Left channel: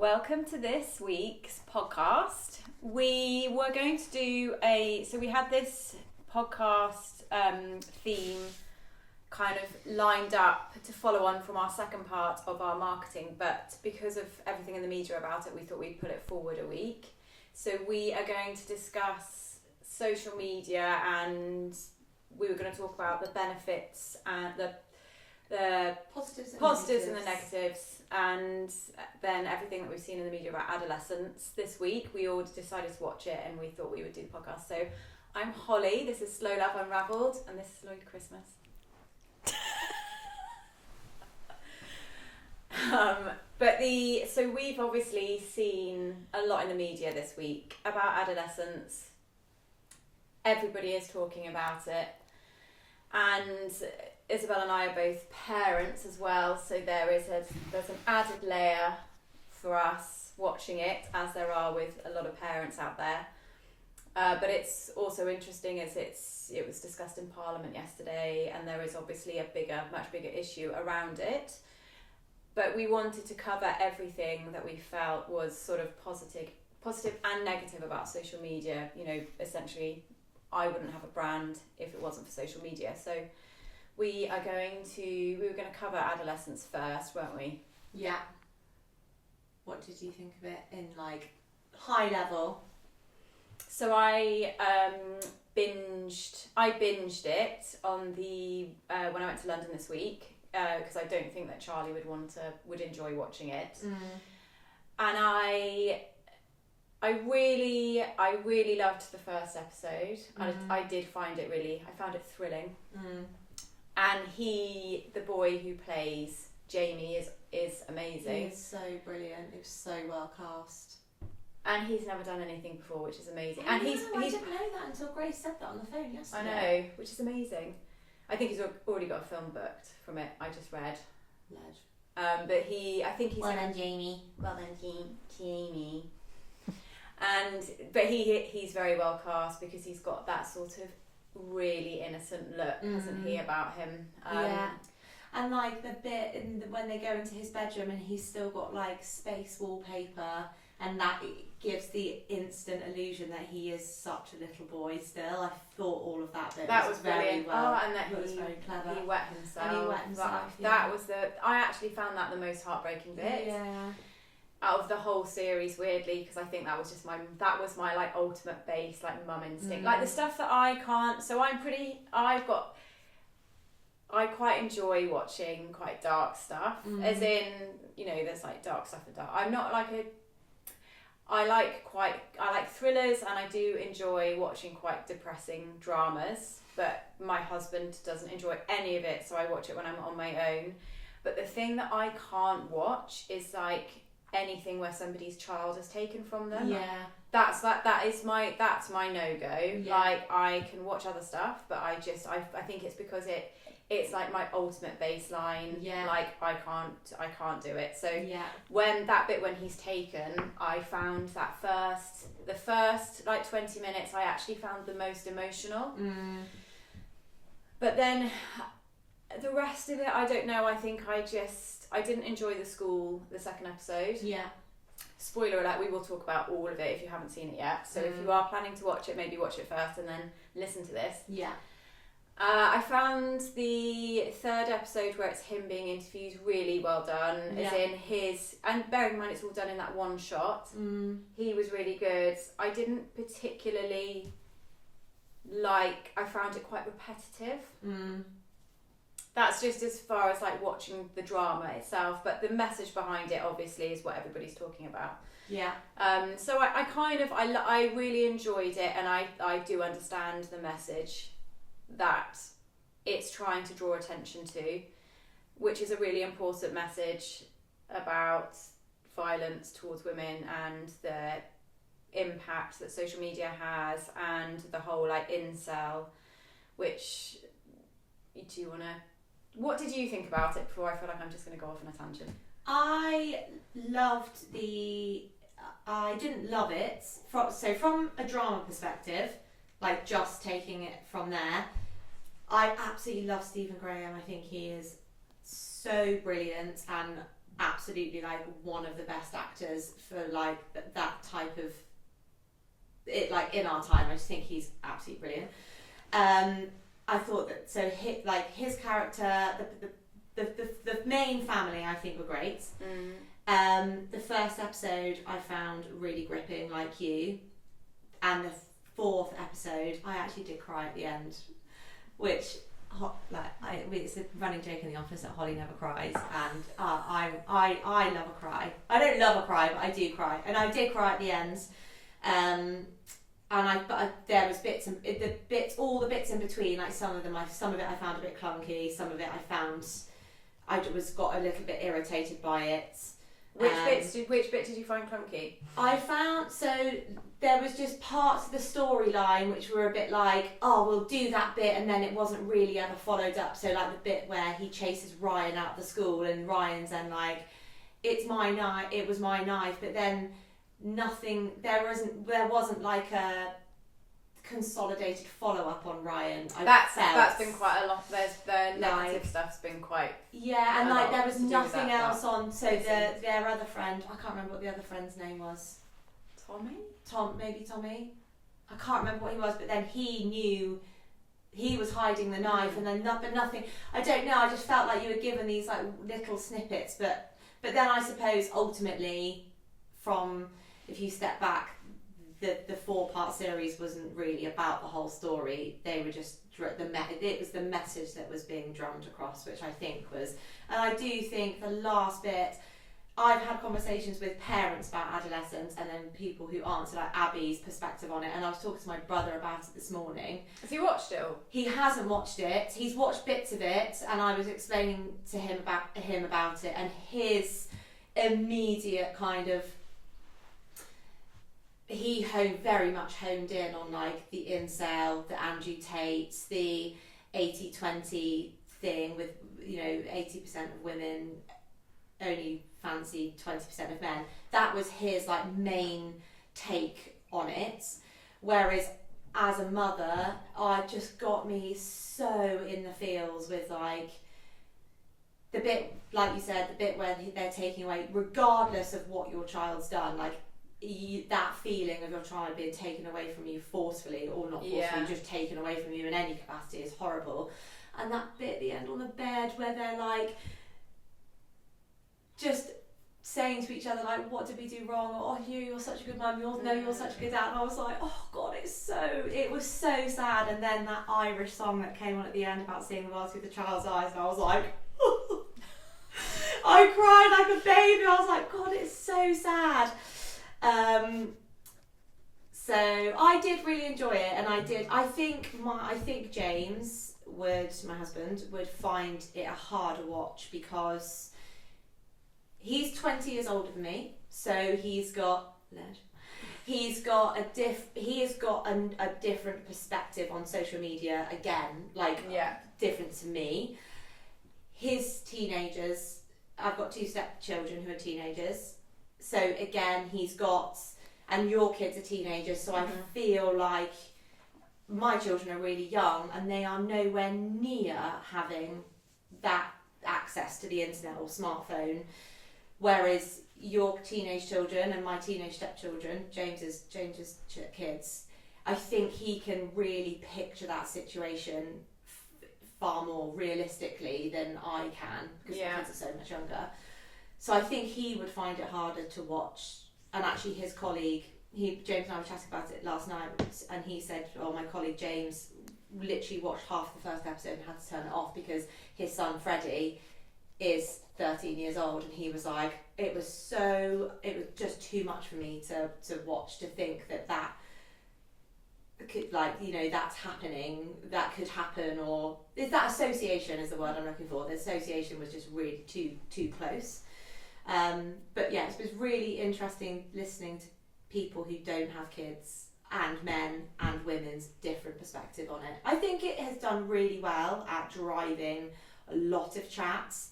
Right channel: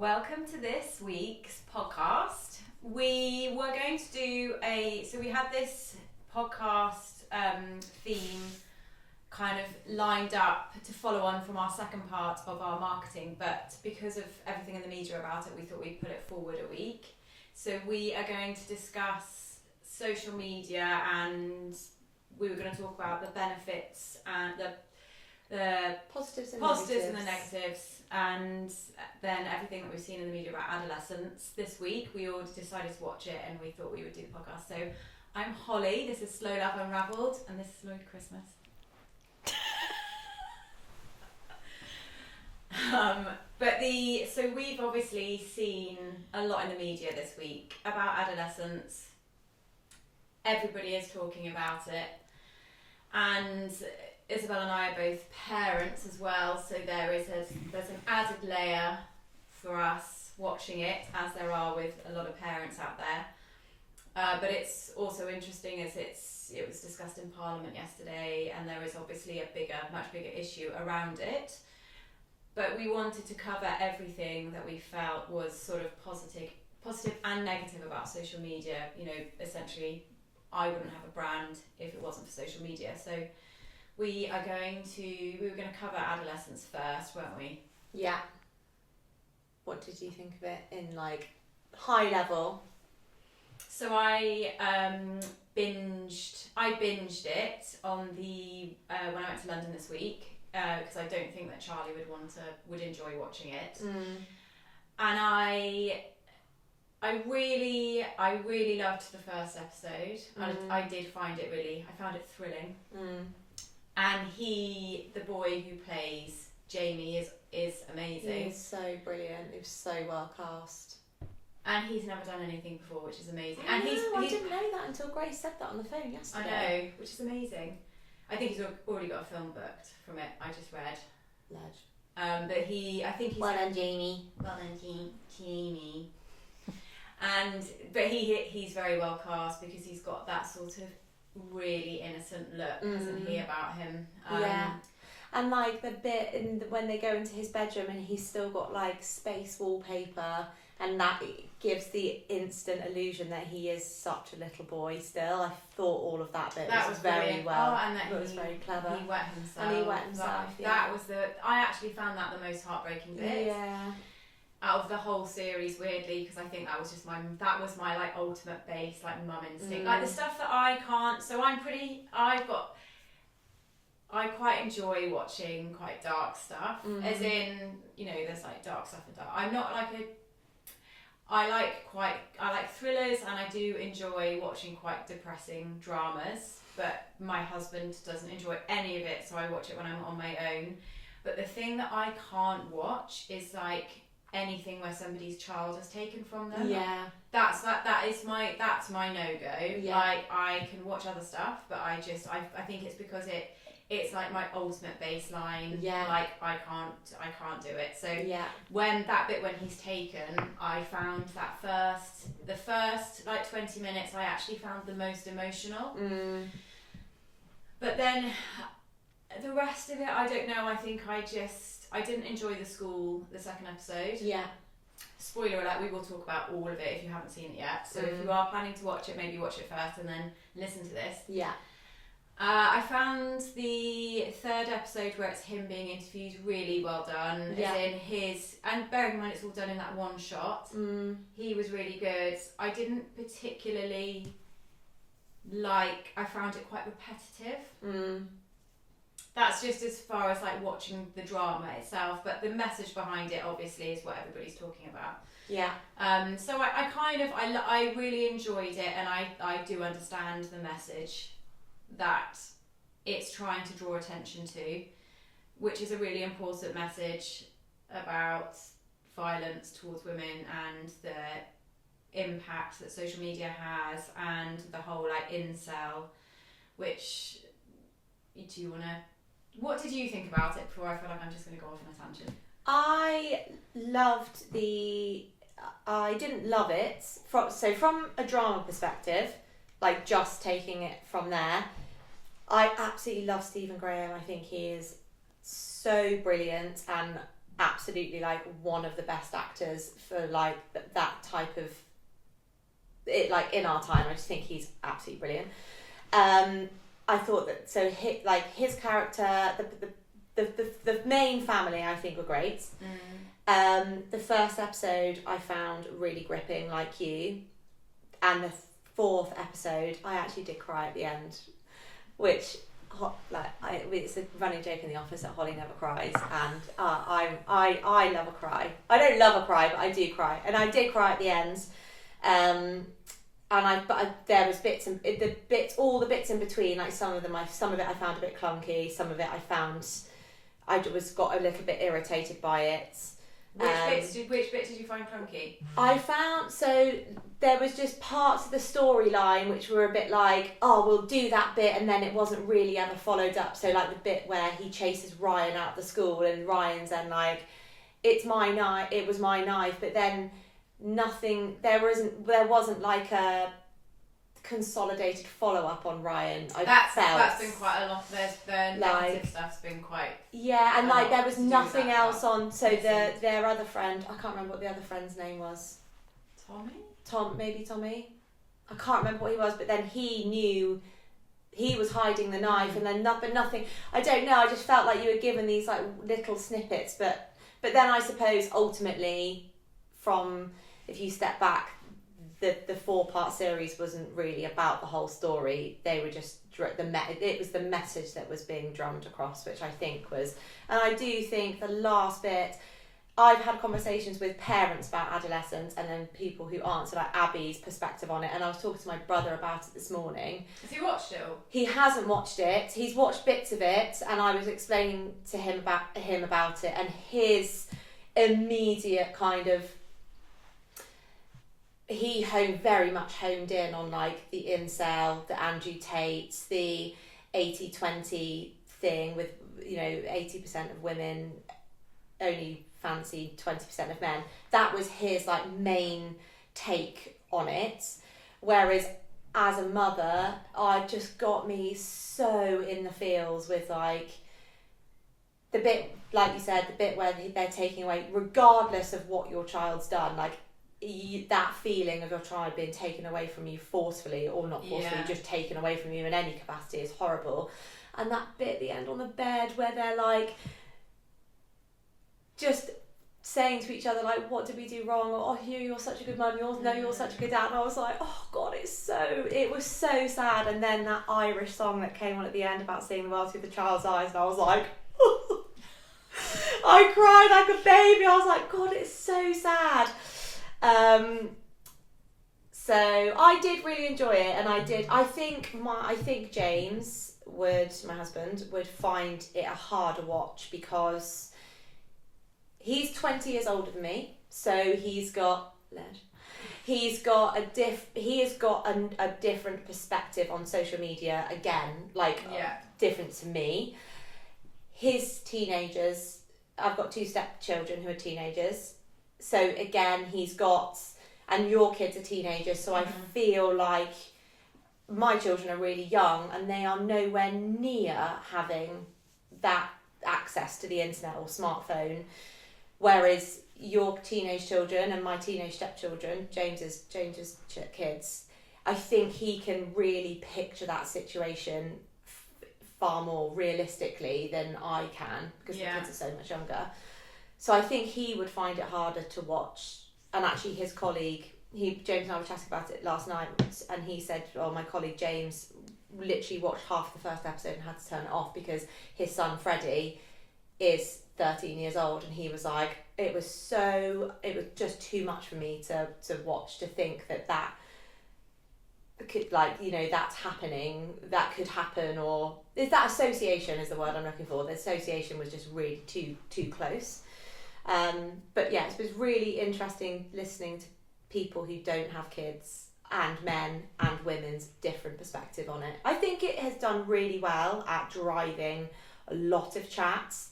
Welcome to this week's podcast. We were going to do we had this podcast theme kind of lined up to follow on from our second part of our marketing, but because of everything in the media about it, we thought we'd put it forward a week. So we are going to discuss social media, and we were going to talk about the benefits and the positives and the negatives, and then everything that we've seen in the media about adolescence. This week we all decided to watch it and we thought we would do the podcast. So I'm Holly, this is Love Unravelled, and this is Lloyd Christmas. So we've obviously seen a lot in the media this week about adolescence. Everybody is talking about it, and Isabel and I are both parents as well, so there's an added layer for us watching it, as there are with a lot of parents out there. But it's also interesting as it was discussed in Parliament yesterday, and there is obviously a much bigger issue around it. But we wanted to cover everything that we felt was sort of positive and negative about social media. You know, essentially, I wouldn't have a brand if it wasn't for social media. So we were going to cover adolescence first, weren't we? Yeah. What did you think of it in high level? So I binged it on the when I went to London this week, because I don't think that Charlie would enjoy watching it. And I really loved the first episode. I did find it I found it thrilling. And the boy who plays Jamie is amazing. He's so brilliant. He was so well cast. And he's never done anything before, which is amazing. I didn't know that until Grace said that on the phone yesterday. I know, which is amazing. I think he's already got a film booked from it. I just read. Led. But I think he's... Well done, Jamie. Well done, Jamie. But he's very well cast because he's got that sort of really innocent look, hasn't he, about him? Yeah. And the bit when they go into his bedroom and he's still got space wallpaper, and that gives the instant illusion that he is such a little boy still. I thought all of that bit was very brilliant. well. Oh, and that he was very clever. He wet himself. That was I actually found that the most heartbreaking bit. Yeah. Out of the whole series, weirdly, because I think that was just my ultimate base, mum instinct, the stuff that I can't. So I quite enjoy watching quite dark stuff, as in, there's dark stuff and dark. I'm not I like thrillers, and I do enjoy watching quite depressing dramas, but my husband doesn't enjoy any of it, so I watch it when I'm on my own. But the thing that I can't watch is anything where somebody's child is taken from them. Yeah. That's my no-go. Yeah. I can watch other stuff, but I think it's because it's my ultimate baseline. Yeah. I can't do it. So yeah. When he's taken, I found the first 20 minutes I actually found the most emotional. But then the rest of it, I don't know, I think I didn't enjoy the second episode. Yeah. Spoiler alert, we will talk about all of it if you haven't seen it yet. So if you are planning to watch it, maybe watch it first and then listen to this. Yeah. I found the third episode where it's him being interviewed really well done. Yeah. And bearing in mind it's all done in that one shot. He was really good. I didn't particularly I found it quite repetitive. That's just as far as watching the drama itself, but the message behind it obviously is what everybody's talking about. Yeah. So I really enjoyed it, and I do understand the message that it's trying to draw attention to, which is a really important message about violence towards women and the impact that social media has, and the whole incel, which what did you think about it before I feel like I'm just going to go off on a tangent? I didn't love it. From a drama perspective, just taking it from there, I absolutely love Stephen Graham. I think he is so brilliant, and absolutely like one of the best actors for like that type of it, like in our time. I just think he's absolutely brilliant. I thought that his character, the main family, I think were great. The first episode I found really gripping, like you, and the fourth episode I actually did cry at the end, which it's a running joke in the office that Holly never cries, and I love a cry. I don't love a cry, but I do cry, and I did cry at the end. There was all the bits in between, like some of it I found a bit clunky, some of it I got a little bit irritated by it. Which bit did you find clunky? I found, so there was just parts of the storyline which were a bit like, oh, we'll do that bit, and then it wasn't really ever followed up. So like the bit where he chases Ryan out of the school, and Ryan's then like, it was my knife, but then nothing, there wasn't like a consolidated follow-up on Ryan. That's been quite a lot. The negative stuff's been quite... Yeah, and like there was nothing else on, so their other friend, I can't remember what the other friend's name was. Maybe Tommy? I can't remember what he was, but then he knew he was hiding the knife, and then nothing, I don't know, I just felt like you were given these like little snippets, but then I suppose ultimately, if you step back, the 4-part series wasn't really about the whole story. They were just it was the message that was being drummed across, which I think was, and I do think the last bit, I've had conversations with parents about adolescence, and then people who answer like Abby's perspective on it, and I was talking to my brother about it this morning. Has he watched it all? He hasn't watched it. He's watched bits of it, and I was explaining to him about it, and his immediate kind of, he very much honed in on like the incel, the Andrew Tate, the 80-20 thing with, 80% of women only fancy 20% of men. That was his like main take on it. Whereas as a mother, it just got me so in the feels with like the bit, like you said, the bit where they're taking away, regardless of what your child's done, like that feeling of your child being taken away from you forcefully, or not forcefully, just taken away from you in any capacity, is horrible. And that bit at the end on the bed where they're like just saying to each other like, what did we do wrong, or oh, you're such a good mum, you're such a good dad, and I was like, oh god, it was so sad. And then that Irish song that came on at the end about seeing the world through the child's eyes, and I was like I cried like a baby. I was like, god, it's so sad. So I did really enjoy it, and I think James my husband would find it a harder watch, because he's 20 years older than me, so he's got a different perspective on social media, again, different to me. His teenagers, I've got 2 stepchildren who are teenagers, so again and your kids are teenagers, so I feel like my children are really young, and they are nowhere near having that access to the internet or smartphone, whereas your teenage children and my teenage stepchildren, James's kids, I think he can really picture that situation far more realistically than I can, because the kids are so much younger. So I think he would find it harder to watch. And actually his colleague, James and I were chatting about it last night, and he said, my colleague James literally watched half the first episode and had to turn it off because his son Freddie is 13 years old, and he was like, it was just too much for me to watch, to think that could, that's happening, that could happen, or is that association is the word I'm looking for. The association was just really too close. But yeah, it was really interesting listening to people who don't have kids, and men and women's different perspective on it. I think it has done really well at driving a lot of chats.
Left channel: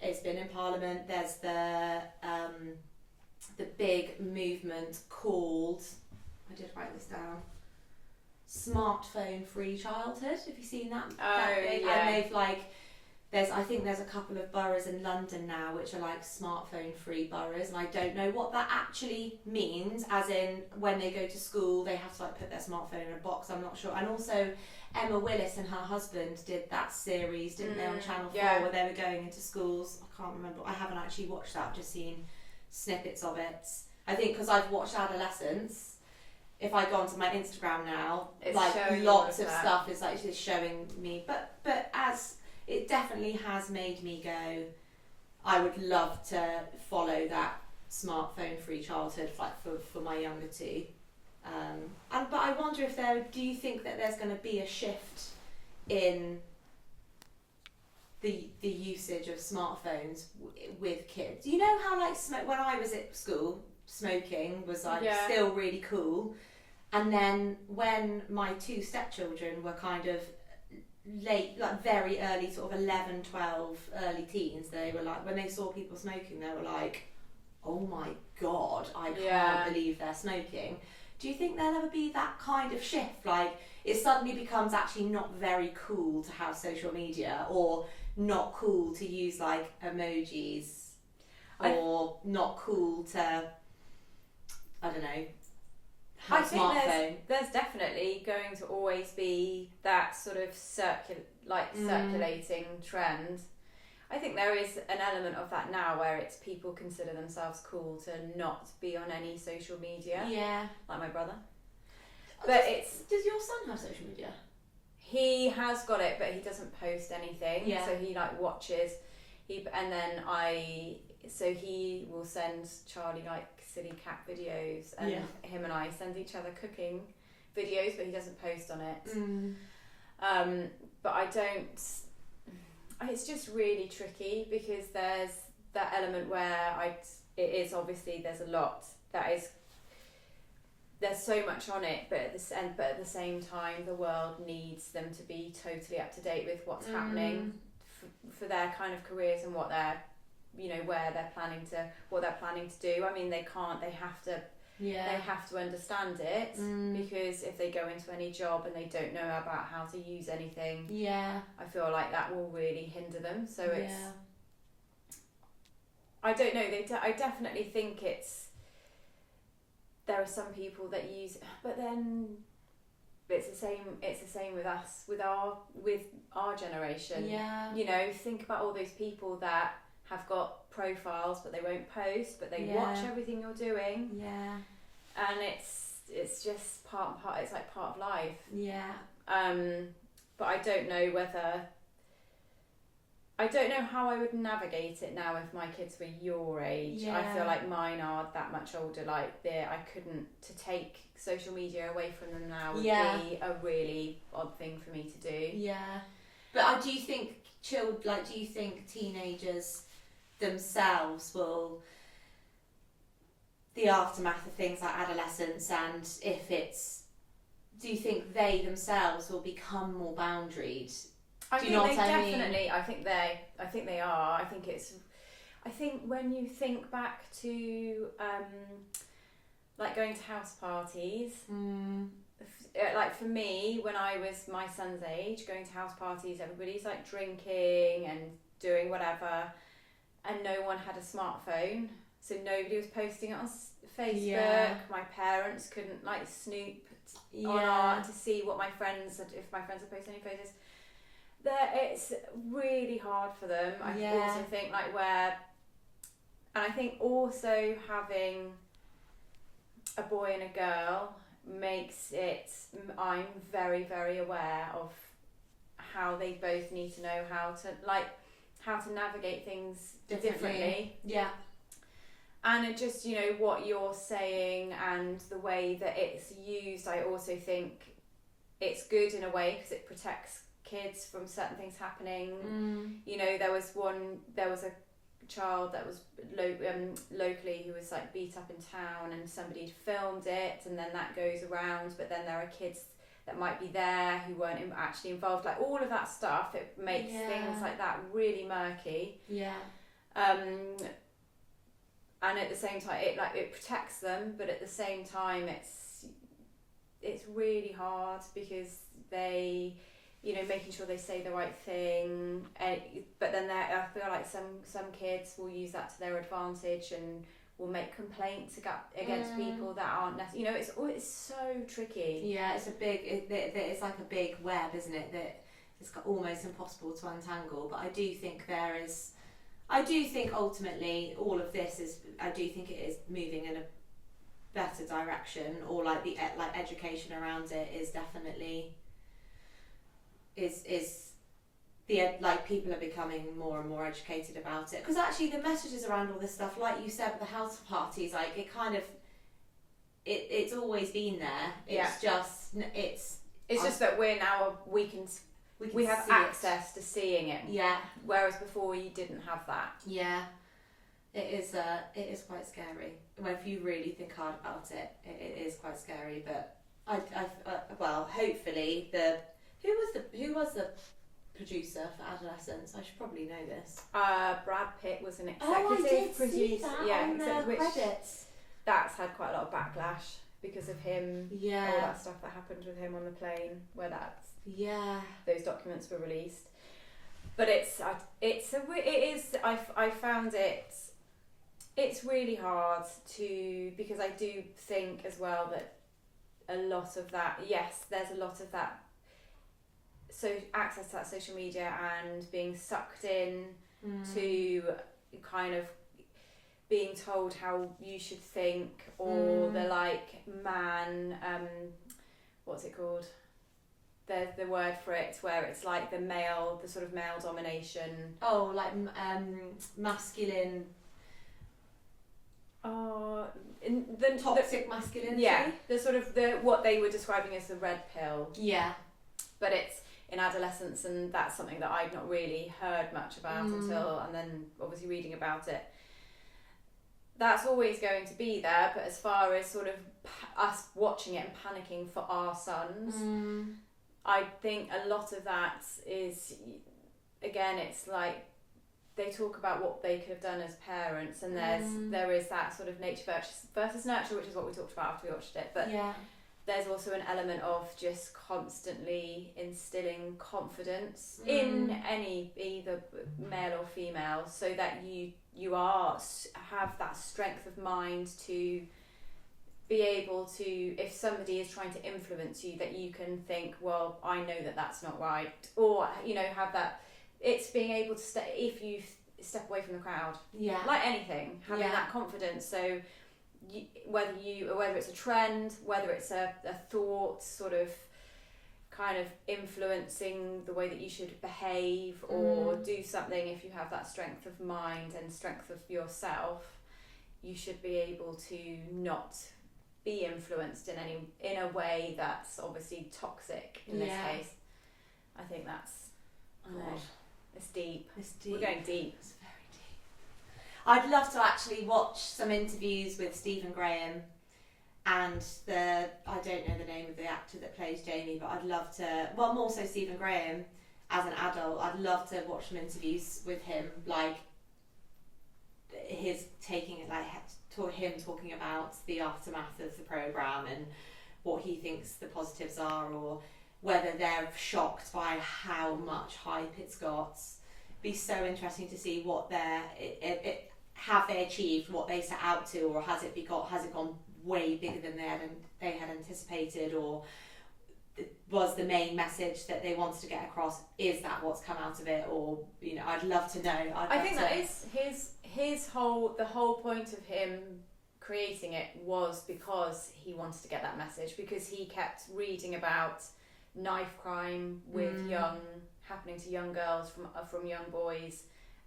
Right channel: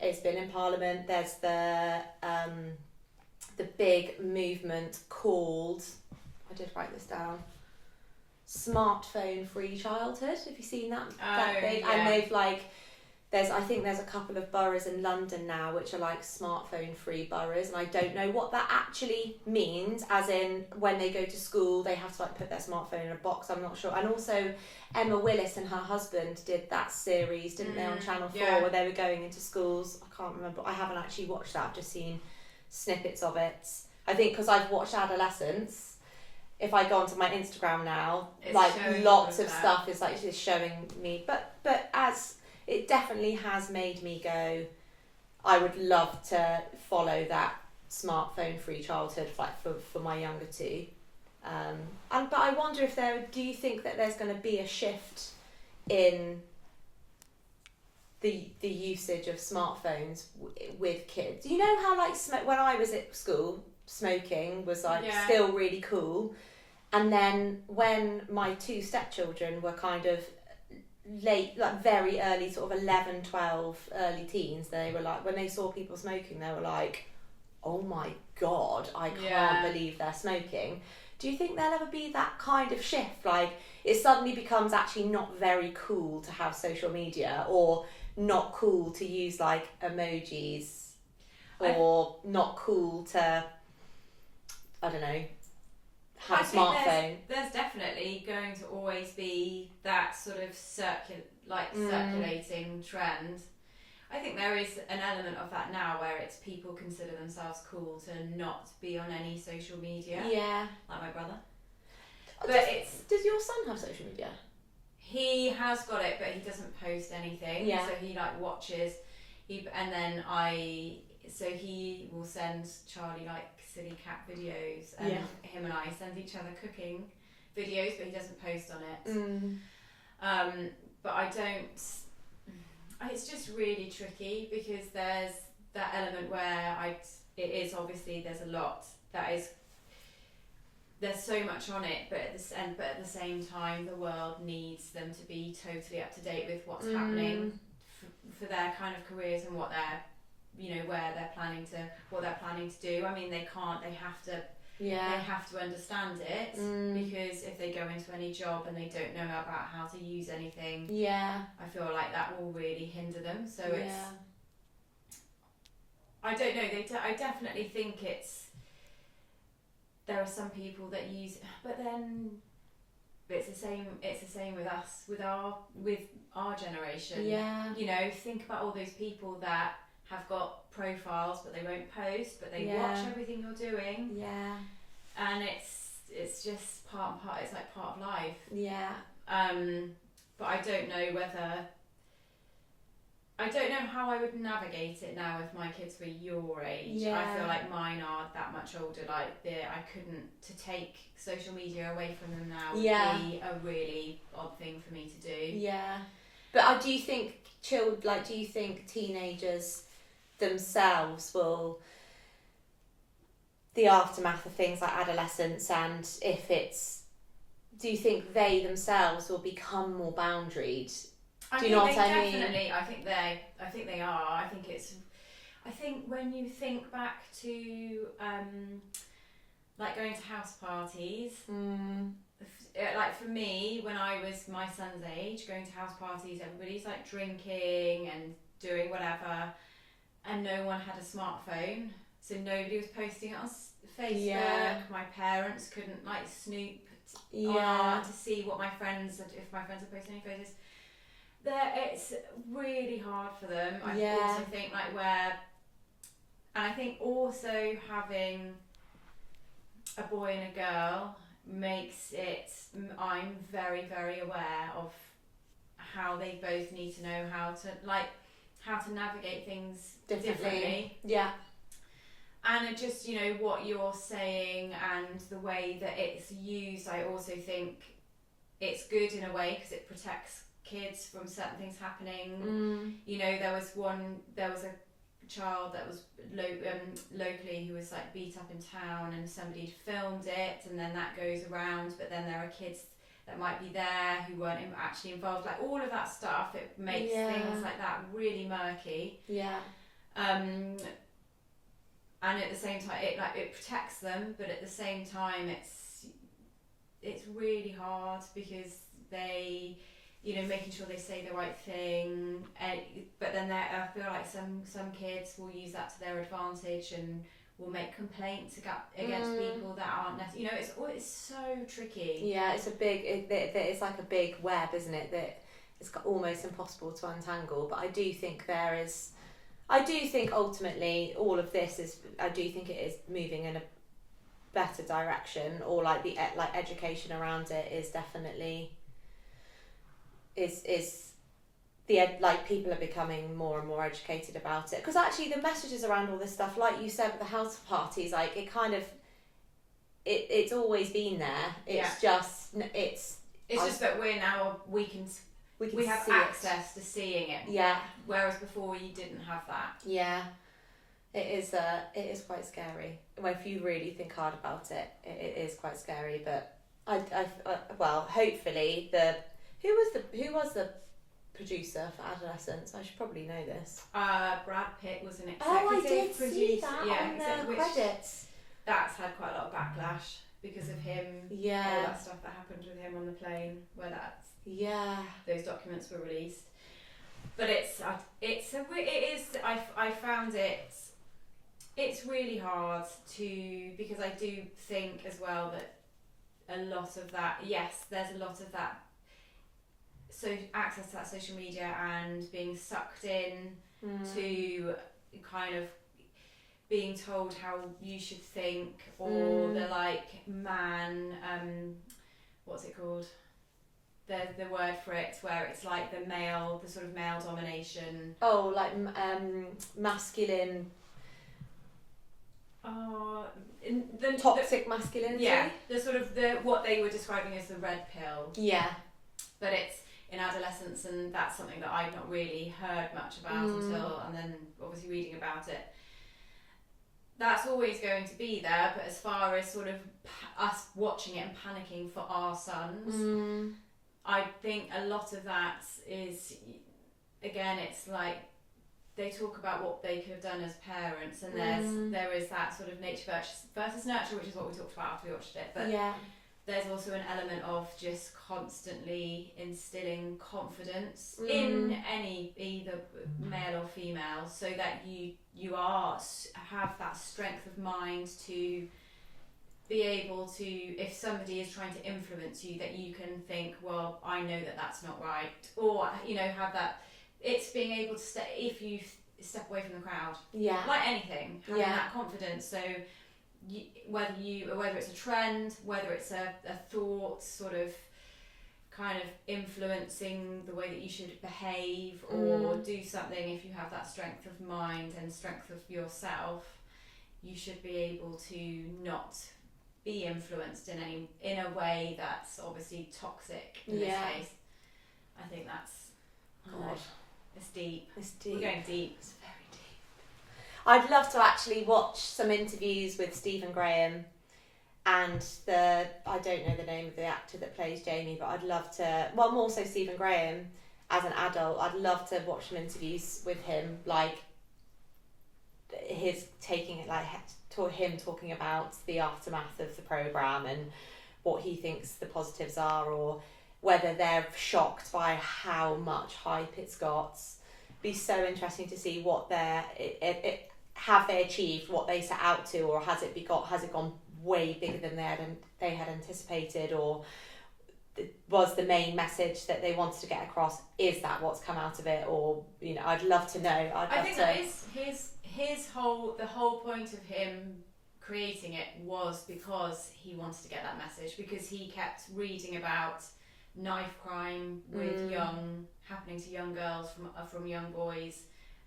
It's been in Parliament. There's the big movement called, I did write this down, Smartphone Free Childhood. Have you seen that? Oh, that big? yeah. And I think there's a couple of boroughs in London now which are like smartphone free boroughs, and I don't know what that actually means, as in when they go to school they have to like put their smartphone in a box. I'm not sure. And also Emma Willis and her husband did that series, didn't they, on Channel 4, where they were going into schools. I can't remember. I haven't actually watched that. I've just seen snippets of it. I think because I've watched Adolescence, if I go onto my Instagram now, It's like lots of that. stuff is like just showing me. But as it definitely has made me go, I would love to follow that smartphone free childhood like for my younger two. But I wonder if do you think that there's going to be a shift in the usage of smartphones with kids? You know how like when I was at school, smoking was like still really cool, and then when my two stepchildren were kind of late, like very early, sort of 11, 12, early teens, they were like, when they saw people smoking, they were like, oh my god, I can't believe they're smoking. Do you think there'll ever be that kind of shift? Like, it suddenly becomes actually not very cool to have social media, or not cool to use like emojis, or not cool to, I don't know, have a smartphone. There's definitely going to always be that sort of circulating trend. I think there is an element of that now where it's people consider themselves cool to not be on any social media. Yeah. Like my brother. But does your son have social media? He has got it, but he doesn't post anything. Yeah. So he like watches. He will send Charlie like silly cat videos, and him and I send each other cooking videos, but he doesn't post on it. But I don't. It's just really tricky because there's that element where it is obviously there's a lot that is. There's so much on it, but at the same time, the world needs them to be totally up to date with what's happening for their kind of careers and what they're, where they're planning to do. I mean, they have to understand it, because if they go into any job and they don't know about how to use anything, I feel like that will really hinder them. So I don't know. I definitely think there are some people that use, but then it's the same with us, with our generation. Yeah. Think about all those people that have got profiles but they won't post, but they watch everything you're doing. Yeah. And it's just part and part. It's like part of life. Yeah. But I don't know how I would navigate it now if my kids were your age. Yeah. I feel like mine are that much older. Like I couldn't, to take social media away from them now would be a really odd thing for me to do. Yeah. But do you think teenagers themselves will, the aftermath of things like adolescence, and do you think they themselves will become more boundaried? I think they are. I think when you think back to like going to house parties, like for me, when I was my son's age, going to house parties, everybody's like drinking and doing whatever, and no one had a smartphone, so nobody was posting it on Facebook. Yeah. My parents couldn't like snoop to see what if my friends are posting any photos. It's really hard for them. I also think and I think also having a boy and a girl makes it, I'm very, very aware of how they both need to know how to navigate things differently. Yeah. And it just, what you're saying and the way that it's used, I also think it's good in a way because it protects kids from certain things happening. There was a child that was locally who was like beat up in town, and somebody filmed it, and then that goes around, but then there are kids that might be there who weren't actually involved. Like all of that stuff, it makes things like that really murky. And at the same time it protects them, but at the same time it's really hard because they you know, making sure they say the right thing. But then I feel like some kids will use that to their advantage and will make complaints against people that aren't necessarily, you know, it's so tricky. Yeah, it's it's like a big web, isn't it, that it's almost impossible to untangle. But I do think ultimately all of this I do think it is moving in a better direction, or like the education around it is definitely people are becoming more and more educated about it, because actually the messages around all this stuff, like you said with the house parties, like it kind of it's always been there. It's just that we have access to seeing it. Yeah. Whereas before you didn't have that. Yeah. It is quite scary. Well, if you really think hard about it, it is quite scary. But well, hopefully who was the producer for Adolescence? I should probably know this. Brad Pitt was an executive I did producer. See that on the credits. That's had quite a lot of backlash because of him. Yeah. All that stuff that happened with him on the plane, where those documents were released. But I found it's really hard because I do think as well that a lot of that, there's a lot of that, so access to that social media and being sucked in to kind of being told how you should think, or the what's it called? The word for it, where it's like the sort of male domination. Oh, like masculine. The toxic masculinity. Yeah, the sort of what they were describing as the red pill. Yeah. But it's in adolescence, and that's something that I've not really heard much about and then obviously reading about it. That's always going to be there, but as far as sort of us watching it and panicking for our sons, I think a lot of that is, again, it's like they talk about what they could have done as parents, and there is that sort of nature versus nurture, which is what we talked about after we watched it. But there's also an element of just constantly instilling confidence in either male or female, so that you have that strength of mind to be able to, if somebody is trying to influence you, that you can think, well, I know that that's not right, or have that. It's being able to if you step away from the crowd, like anything, having that confidence. So whether it's a trend, whether it's a thought, sort of kind of influencing the way that you should behave or do something, if you have that strength of mind and strength of yourself, you should be able to not be influenced in a way that's obviously toxic in this case. I think that's it's deep. We're going deep. It's very deep. I'd love to actually watch some interviews with Stephen Graham and I don't know the name of the actor that plays Jamie, but I'd love to, more so Stephen Graham as an adult, I'd love to watch some interviews with him, like him talking about the aftermath of the programme and what he thinks the positives are, or whether they're shocked by how much hype it's got. Be so interesting to see what have they achieved what they set out to, or has it gone way bigger than they had anticipated, or was the main message that they wanted to get across, is that what's come out of it? Or I'd love to know. I think that is the whole point of him creating it was because he wanted to get that message, because he kept reading about knife crime happening to young girls from young boys,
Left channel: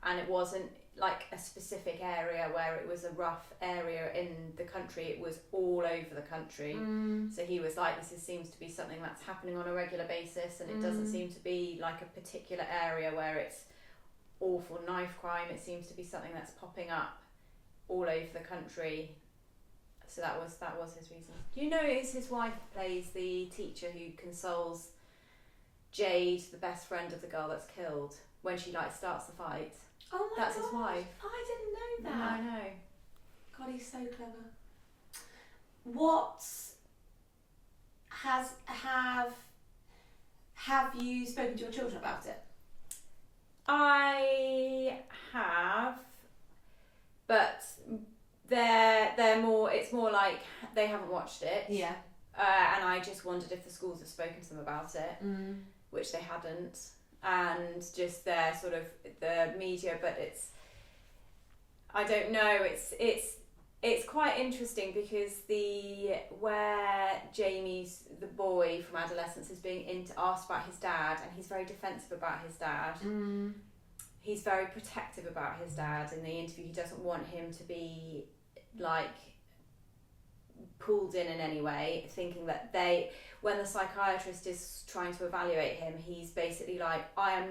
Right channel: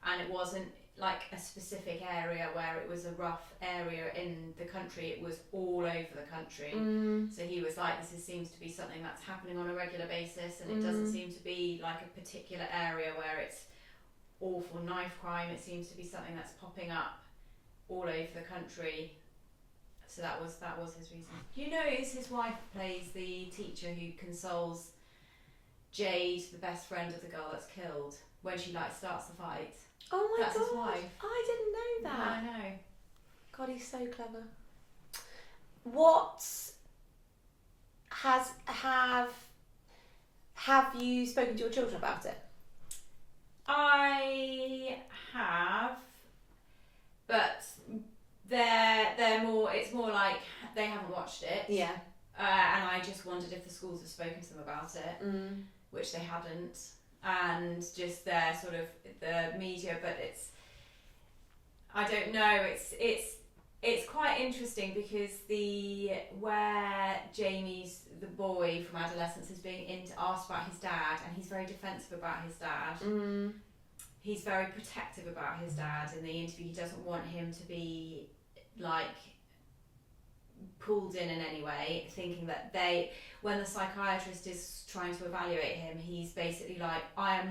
and it wasn't like a specific area where it was a rough area in the country, it was all over the country. So he was like, this seems to be something that's happening on a regular basis, and it doesn't seem to be like a particular area where it's awful knife crime, it seems to be something that's popping up all over the country. So that was his reason. His wife plays the teacher who consoles Jade, the best friend of the girl that's killed, when she starts the fight. Oh my god, that's his wife. I didn't know that. No, I know. God, he's so clever. What have Have you spoken to your children about it? I have, but they're more. It's more like they haven't watched it. Yeah. And I just wondered if the schools have spoken to them about it, which they hadn't, and just their sort of the media. But I don't know. It's quite interesting because where Jamie's the boy from adolescence is being asked about his dad, and he's very defensive about his dad. He's very protective about his dad in the interview. He doesn't want him to be like pulled in any way, thinking that when the psychiatrist is trying to evaluate him, he's basically like, I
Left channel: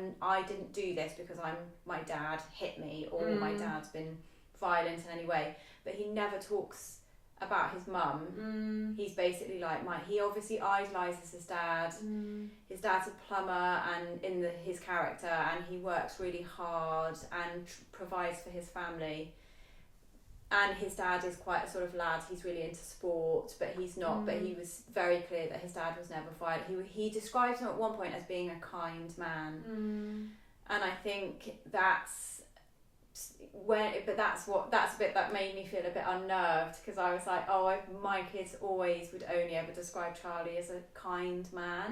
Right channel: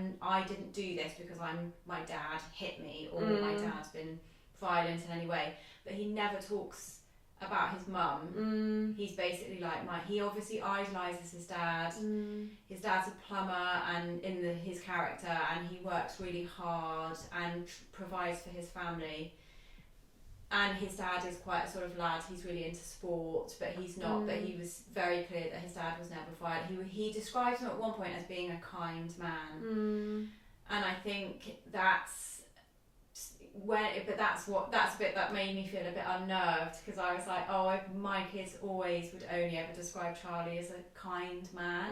didn't do this because my dad hit me, or my dad's been violent in any way. But he never talks about his mum. He's basically like he obviously idolises his dad. His dad's a plumber, and his character, and he works really hard and provides for his family. And his dad is quite a sort of lad. He's really into sport, but he's not. But he was very clear that his dad was never violent. He describes him at one point as being a kind man, and I think that's a bit that made me feel a bit unnerved, because I was like, my kids always would only ever describe Charlie as a kind man,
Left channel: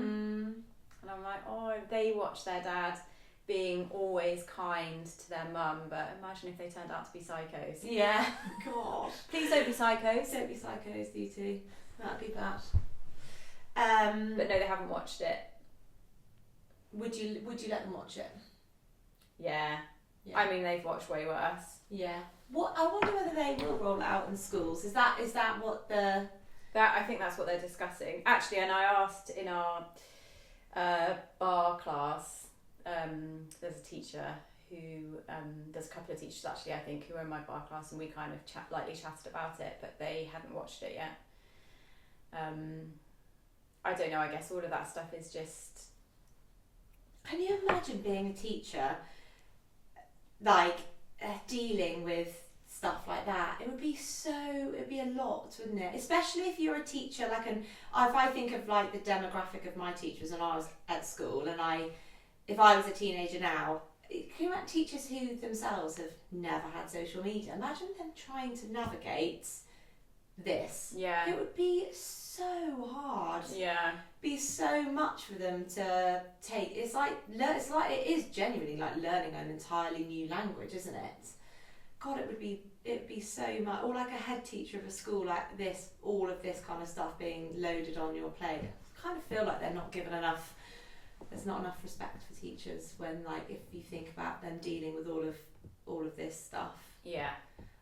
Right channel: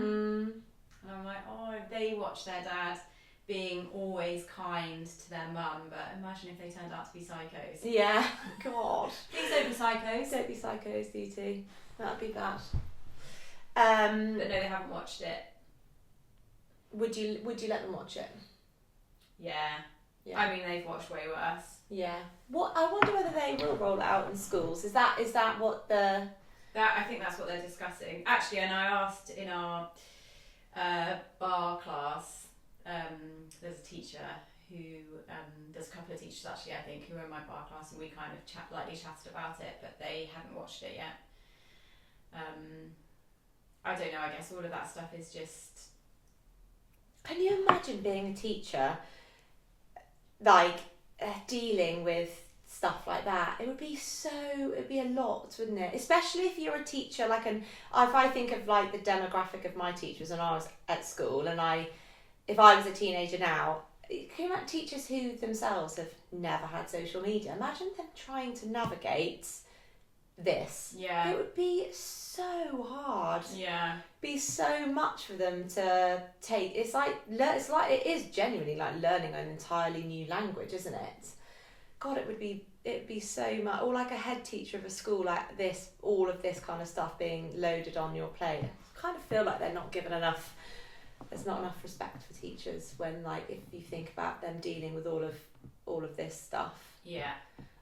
and I'm like, they watch their dad being always kind to their mum, but imagine if they turned out to be psychos. Yeah. God. Please don't be psychos. Don't be psychos, you two. That'd be bad. But no, they haven't watched it. Would you let them watch it? Yeah. I mean, they've watched way worse. Yeah. I wonder whether they will roll it out in schools. Is that what the... I think that's what they're discussing. Actually, and I asked in our bar class, there's a teacher who, there's a couple of teachers actually, I think, who are in my bar class, and we kind of lightly chatted about it, but they hadn't watched it yet. I don't know, I guess all of that stuff is just... Can you imagine being a teacher, dealing with stuff like that? It'd be a lot, wouldn't it? Especially if you're a teacher, if I think of the demographic of my teachers when I was at school, and if I was a teenager now, can you imagine teachers who themselves have never had social media? Imagine them trying to navigate this. Yeah. It would be so hard. Yeah. Be so much for them to take. It is genuinely like learning an entirely new language, isn't it? God, it'd be so much. Or like a head teacher of a school like this, all of this kind of stuff being loaded on your plate. I kind of feel like they're not given enough. There's not enough respect for teachers when, if you think about them dealing with all of this stuff. Yeah.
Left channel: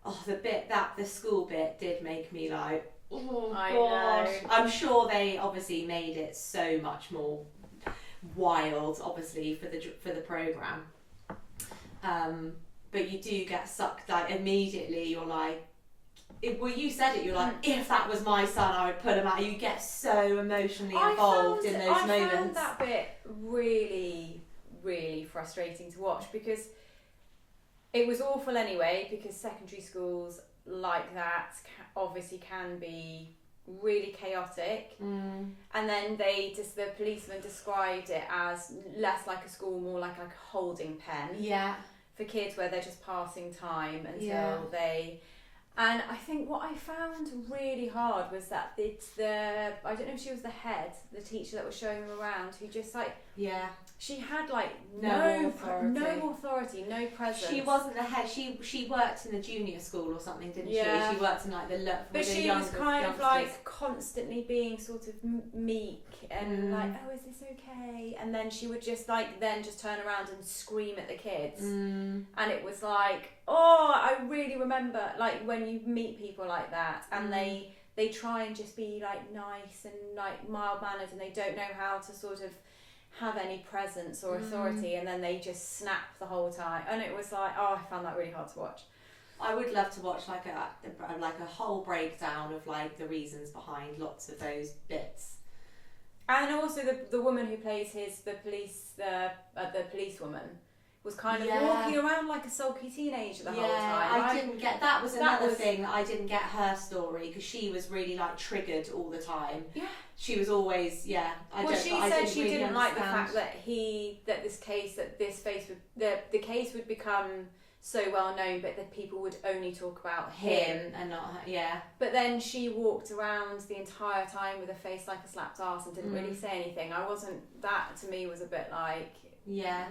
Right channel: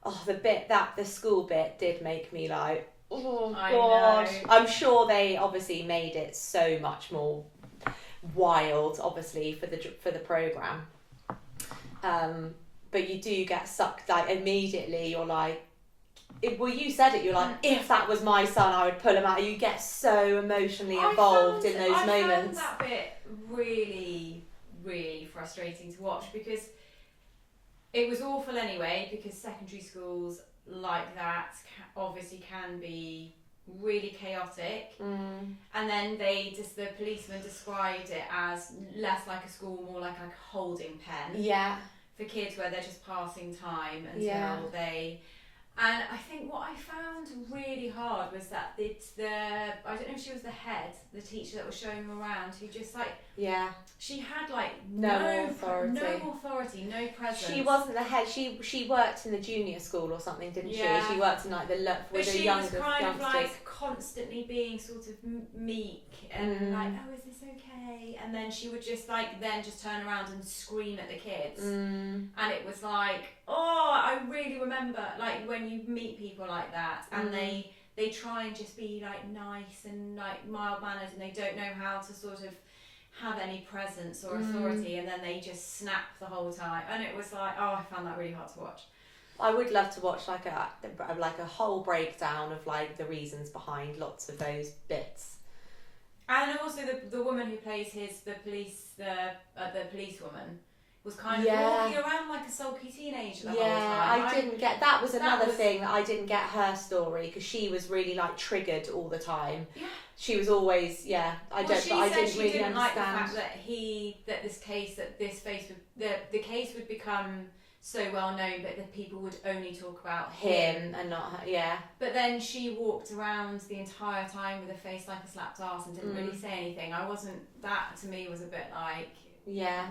Oh, the school bit did make me like, oh I God. know. I'm sure they obviously made it so much more wild, obviously, for the programme. But you do get sucked, immediately you're like, you said it, you're like, if that was my son, I would pull him out. You get so emotionally involved in those moments. I found that bit really, really frustrating to watch, because it was awful anyway, because secondary schools like that obviously can be really chaotic. And then the policeman described it as less like a school, more like a holding pen. Yeah. For kids where they're just passing time until they... And I think what I found really hard was that I don't know if she was the teacher that was showing them around, who just she had no authority, no presence. She wasn't the head. She worked in the junior school or something, didn't she? She worked in but she was kind of constantly being sort of meek and oh, is this okay? And then she would just just turn around and scream at the kids. And it was I really remember when you meet people like that, and they try and just be nice and mild mannered, and they don't know how to sort of have any presence or authority, and then they just snap the whole time, and it was I found that really hard to watch. I would love to watch a whole breakdown of the reasons behind lots of those bits. And also the woman who plays the policewoman, was kind of Yeah. walking around like a sulky teenager the whole time. I didn't get that. Was another was- thing that I didn't get her story, because she was really like triggered all the time. Yeah. She was always She said she really didn't like the understand. fact that the case would become so well known, but that people would only talk about him. And not her. Yeah. But then she walked around the entire time with a face like a slapped arse and didn't really say anything. That to me was a bit like, Yeah.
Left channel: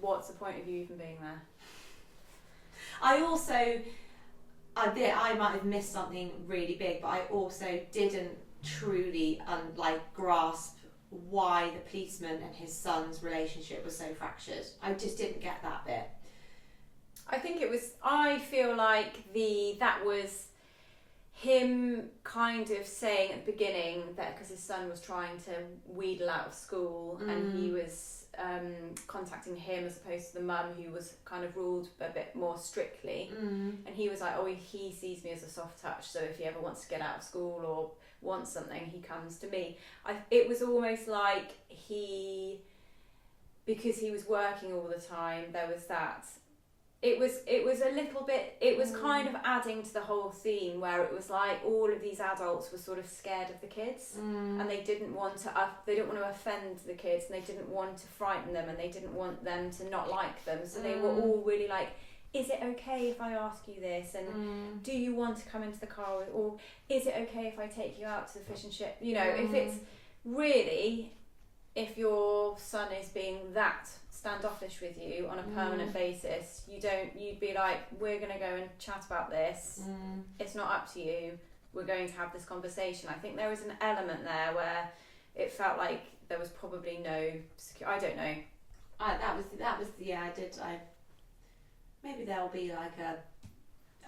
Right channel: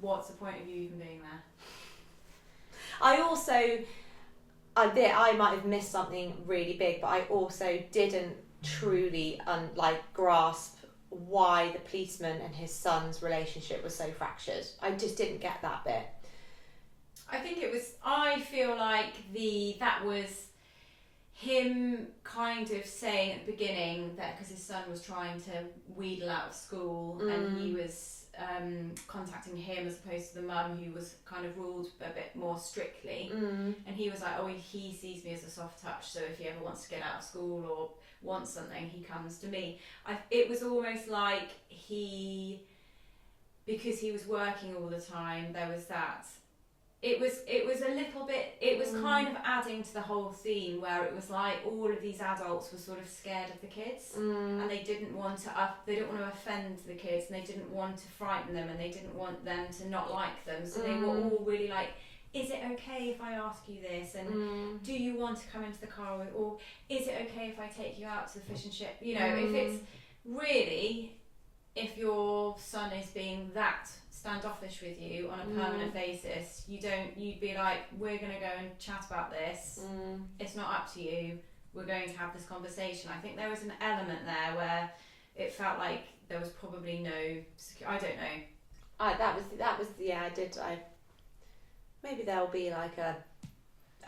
what's the point of you even being there? I might have missed something really big, but I also didn't truly grasp why the policeman and his son's relationship was so fractured. I just didn't get that bit. I feel like that was him kind of saying at the beginning that because his son was trying to wheedle out of school and he was contacting him as opposed to the mum who was kind of ruled a bit more strictly, and he was like, oh, he sees me as a soft touch, so if he ever wants to get out of school or wants something, he comes to me. It was almost like because he was working all the time, there was that. It was a little bit, it was kind of adding to the whole theme where it was like all of these adults were sort of scared of the kids and they didn't want to offend the kids, and they didn't want to frighten them, and they didn't want them to not like them, so they were all really like, is it okay if I ask you this, and do you want to come into the car, or is it okay if I take you out to the fish and chip, if it's really, if your son is being that standoffish with you on a permanent basis, you'd be like, we're going to go and chat about this, it's not up to you, we're going to have this conversation. I think there was an element there where it felt like there was probably no I don't know. Maybe there'll be like a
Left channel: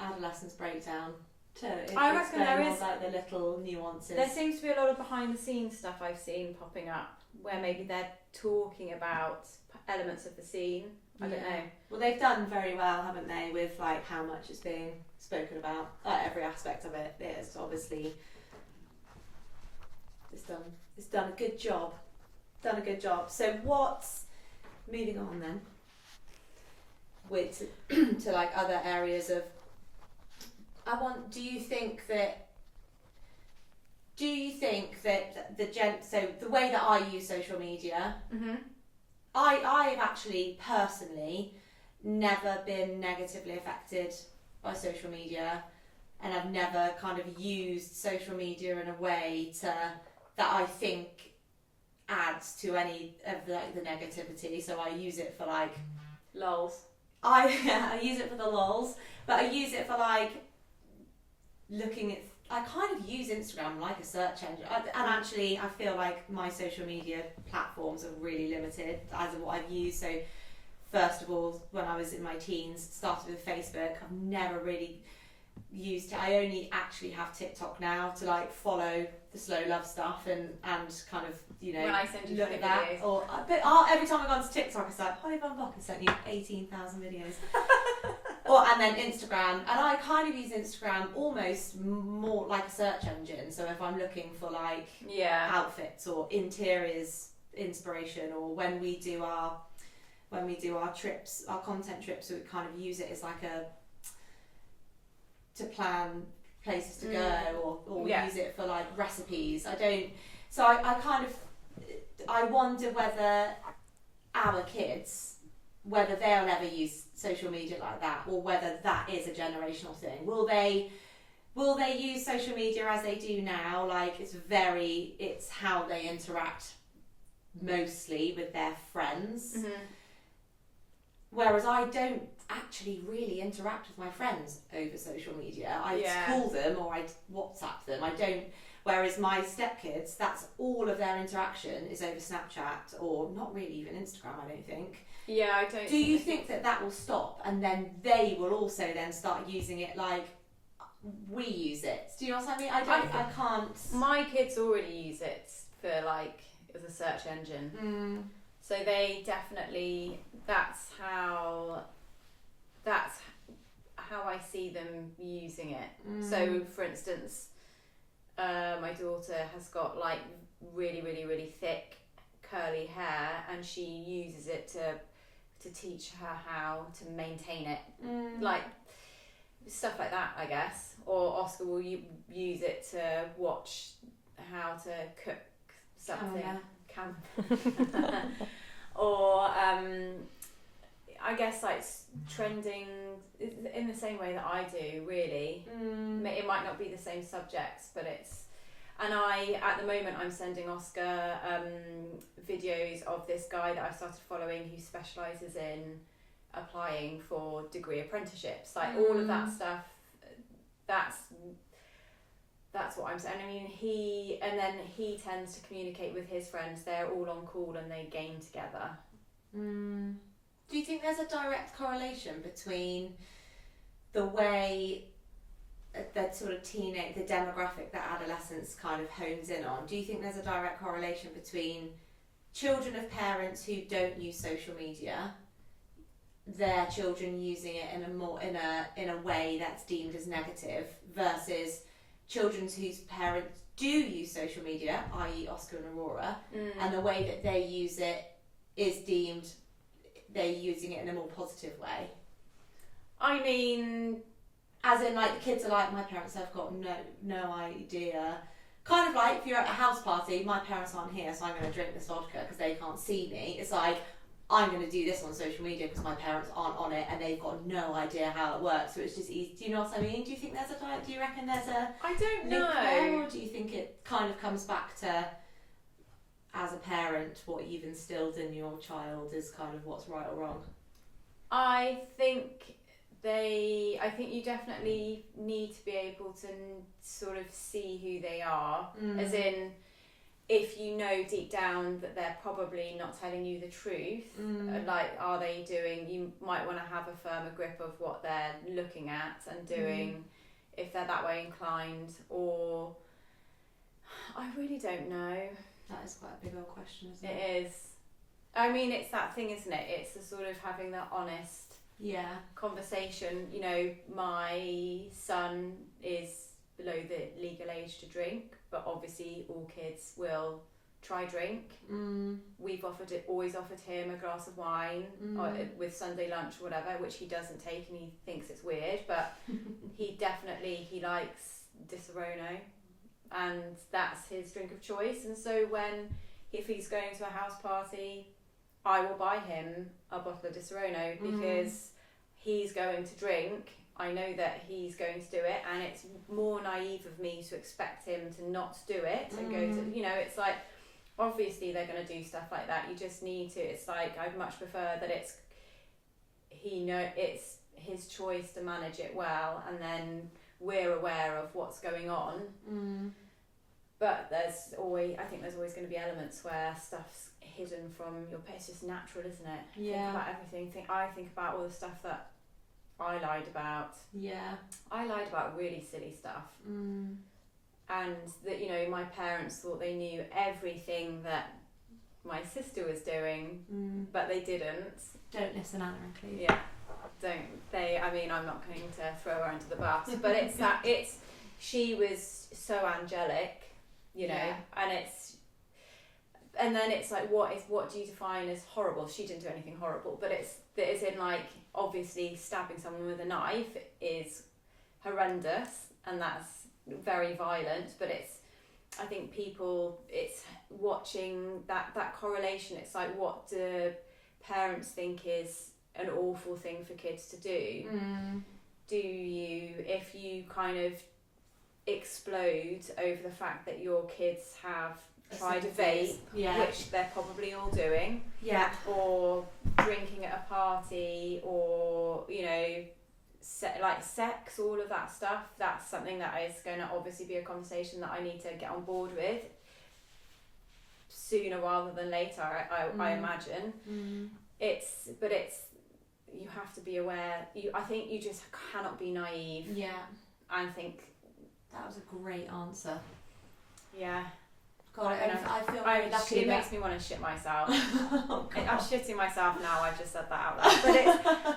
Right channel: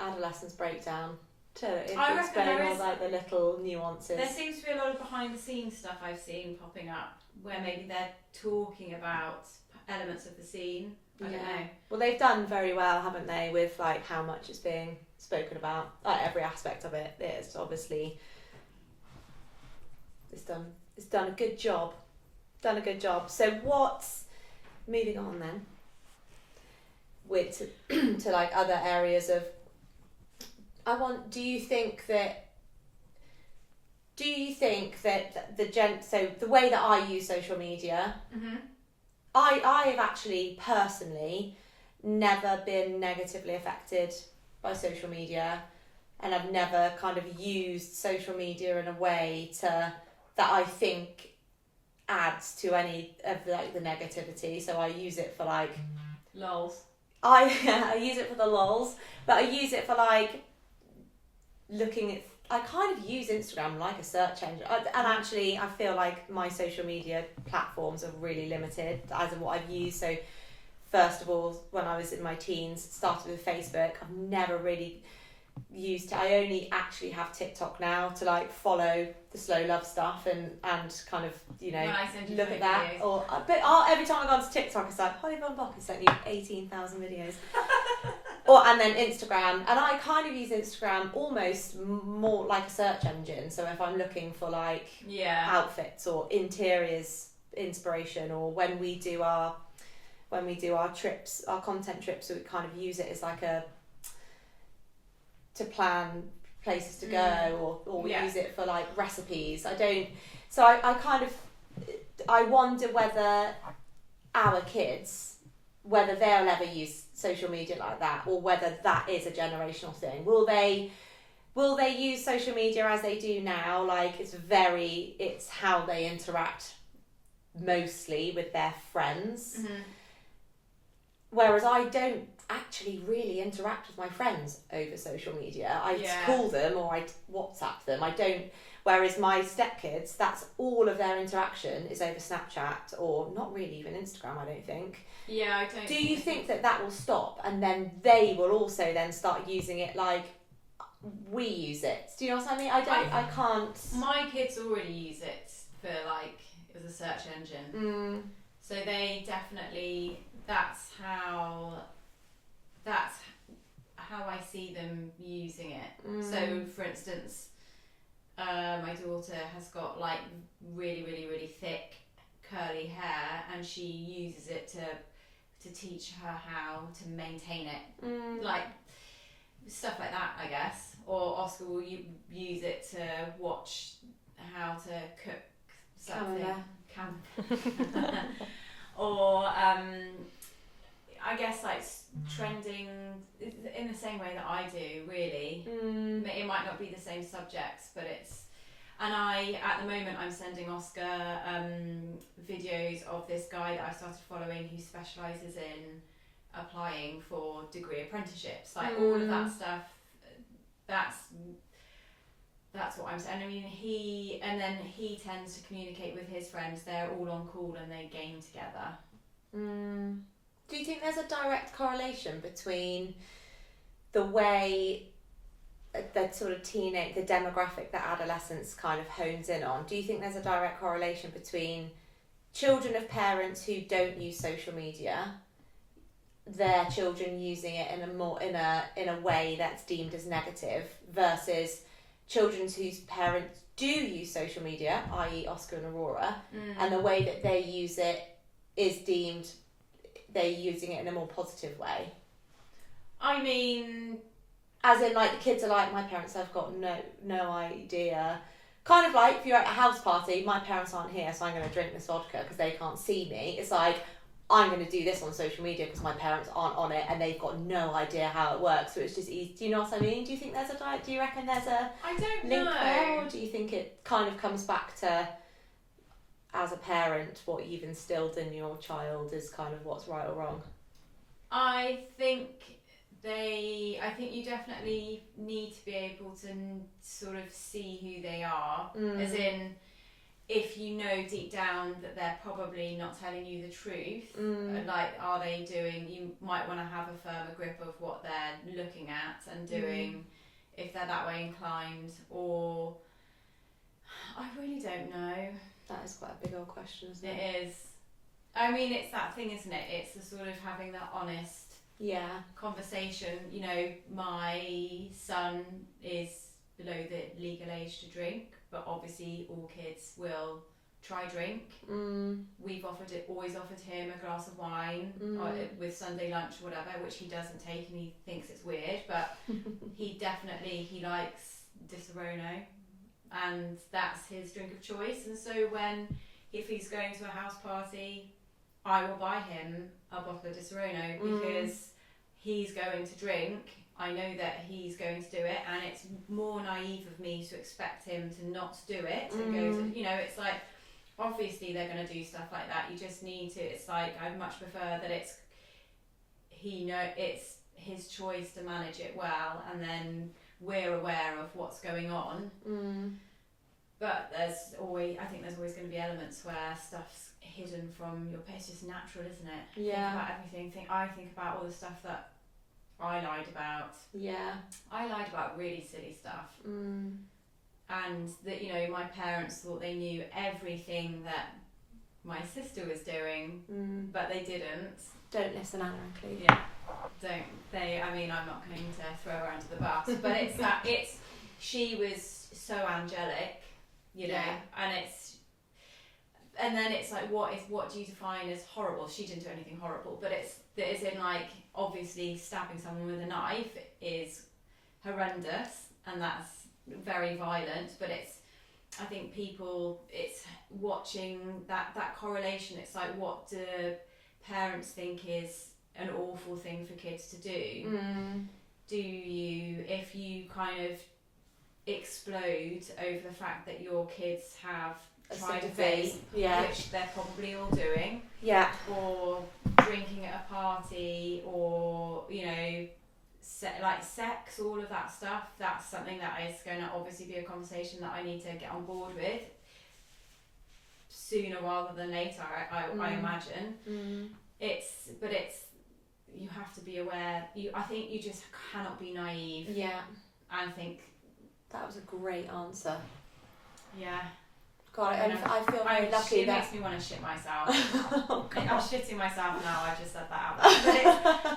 adolescence breakdown to I reckon there is, like the little nuances. There seems to be a lot of behind the scenes stuff I've seen popping up where maybe they're talking about elements of the scene. I don't know. Well, they've done very well, haven't they, with like how much it's being spoken about. Like every aspect of it is obviously it's done a good job. So what's moving on then? With to like other areas of. Do you think that so the way that I use social media, I've actually personally never been negatively affected by social media, and I've never kind of used social media in a way that I think adds to any of like the negativity. So I use it for like lols. I use it for the lols, but I use it for like looking at. I kind of use Instagram like a search engine, and actually I feel like my social media platforms are really limited as of what I've used. So first of all, when I was in my teens, started with Facebook. I've never really used it. I only actually have TikTok now to like follow the slow love stuff and kind of when I send you look at that. videos. But every time I go onto TikTok, it's like Holly Von Block has sent you 18,000 videos. And then Instagram, and I kind of use Instagram almost more like a search engine. So if I'm looking for like outfits or interiors inspiration, or when we do our trips, our content trips, we kind of use it as like to plan places to go, or we use it for like recipes. I wonder whether our kids, whether they'll ever use social media like that, or whether that is a generational thing. Will they use social media as they do now? Like it's how they interact mostly with their friends. Whereas I don't actually really interact with my friends over social media. I call them or I WhatsApp them. I don't. Whereas my stepkids, that's all of their interaction is over Snapchat, or not really even Instagram, I don't think. Yeah, I don't. Do you think that will stop, and then they will also then start using it like we use it? Do you know what I mean? I can't. My kids already use it for like as a search engine. So they definitely. That's how I see them using it. So, for instance, my daughter has got like really, really, really thick curly hair, and she uses it to teach her how to maintain it, like stuff like that, I guess. Or Oscar will use it to watch how to cook something. Or I guess like trending in the same way that I do, really. It might not be the same subjects, but it's, and at the moment I'm sending Oscar videos of this guy that I started following who specialises in applying for degree apprenticeships, like all of that stuff. That's what I'm saying. I mean, he tends to communicate with his friends. They're all on call and they game together. Do you think there's a direct correlation between the way the sort of the demographic that adolescence kind of hones in on? Do you think there's a direct correlation between children of parents who don't use social media, their children using it in a way that's deemed as negative, versus children whose parents do use social media, i.e. Oscar and Aurora, and the way that they use it is deemed they're using it in a more positive way? I mean, as in, like, the kids are like, my parents have got no idea. Kind of like, if you're at a house party, my parents aren't here, so I'm going to drink this vodka because they can't see me. It's like, I'm going to do this on social media because my parents aren't on it and they've got no idea how it works, so it's just easy. Do you know what I mean? Do you think there's do you reckon there's a I don't link know. there, or do you think it kind of comes back to, as a parent, what you've instilled in your child is kind of what's right or wrong? I think you definitely need to be able to sort of see who they are, as in, if you know deep down that they're probably not telling you the truth, like, are they doing, you might want to have a firmer grip of what they're looking at and doing, if they're that way inclined, or I really don't know. That is quite a big old question, isn't it? It is. I mean, it's that thing, isn't it? It's the sort of having that honest conversation. You know, my son is below the legal age to drink, but obviously all kids will try drink. We've always offered him a glass of wine with Sunday lunch or whatever, which he doesn't take and he thinks it's weird, but he likes Disaronno, and that's his drink of choice. And so if he's going to a house party, I will buy him a bottle of Disaronno because he's going to drink. I know that he's going to do it, and it's more naive of me to expect him to not do it and go to, you know, it's like, obviously they're going to do stuff like that. You just need to, it's like, I'd much prefer that it's his choice to manage it well, and then we're aware of what's going on. But I think there's always going to be elements where stuff's hidden from your parents. It's just natural, isn't it? Yeah. Think about everything. I think about all the stuff that I lied about. Yeah. I lied about really silly stuff. And that, you know, my parents thought they knew everything that my sister was doing, but they didn't. Don't listen, Anna and Cleve. Yeah. I mean, I'm not going to throw her under the bus, but she was so angelic, you know, and then it's like, what do you define as horrible? She didn't do anything horrible, but it's in, like, obviously stabbing someone with a knife is horrendous, and that's very violent, but I think it's watching that correlation. It's like, what do parents think is an awful thing for kids to do? If you kind of explode over the fact that your kids have tried a vape, which they're probably all doing, or drinking at a party, or, you know, like sex, all of that stuff, that's something that is going to obviously be a conversation that I need to get on board with sooner rather than later, I imagine. You have to be aware. I think you just cannot be naive. Yeah. I think that was a great answer. Yeah. God, I feel very lucky. It makes me want to shit myself. I'm shitting myself now. I've just said that out loud.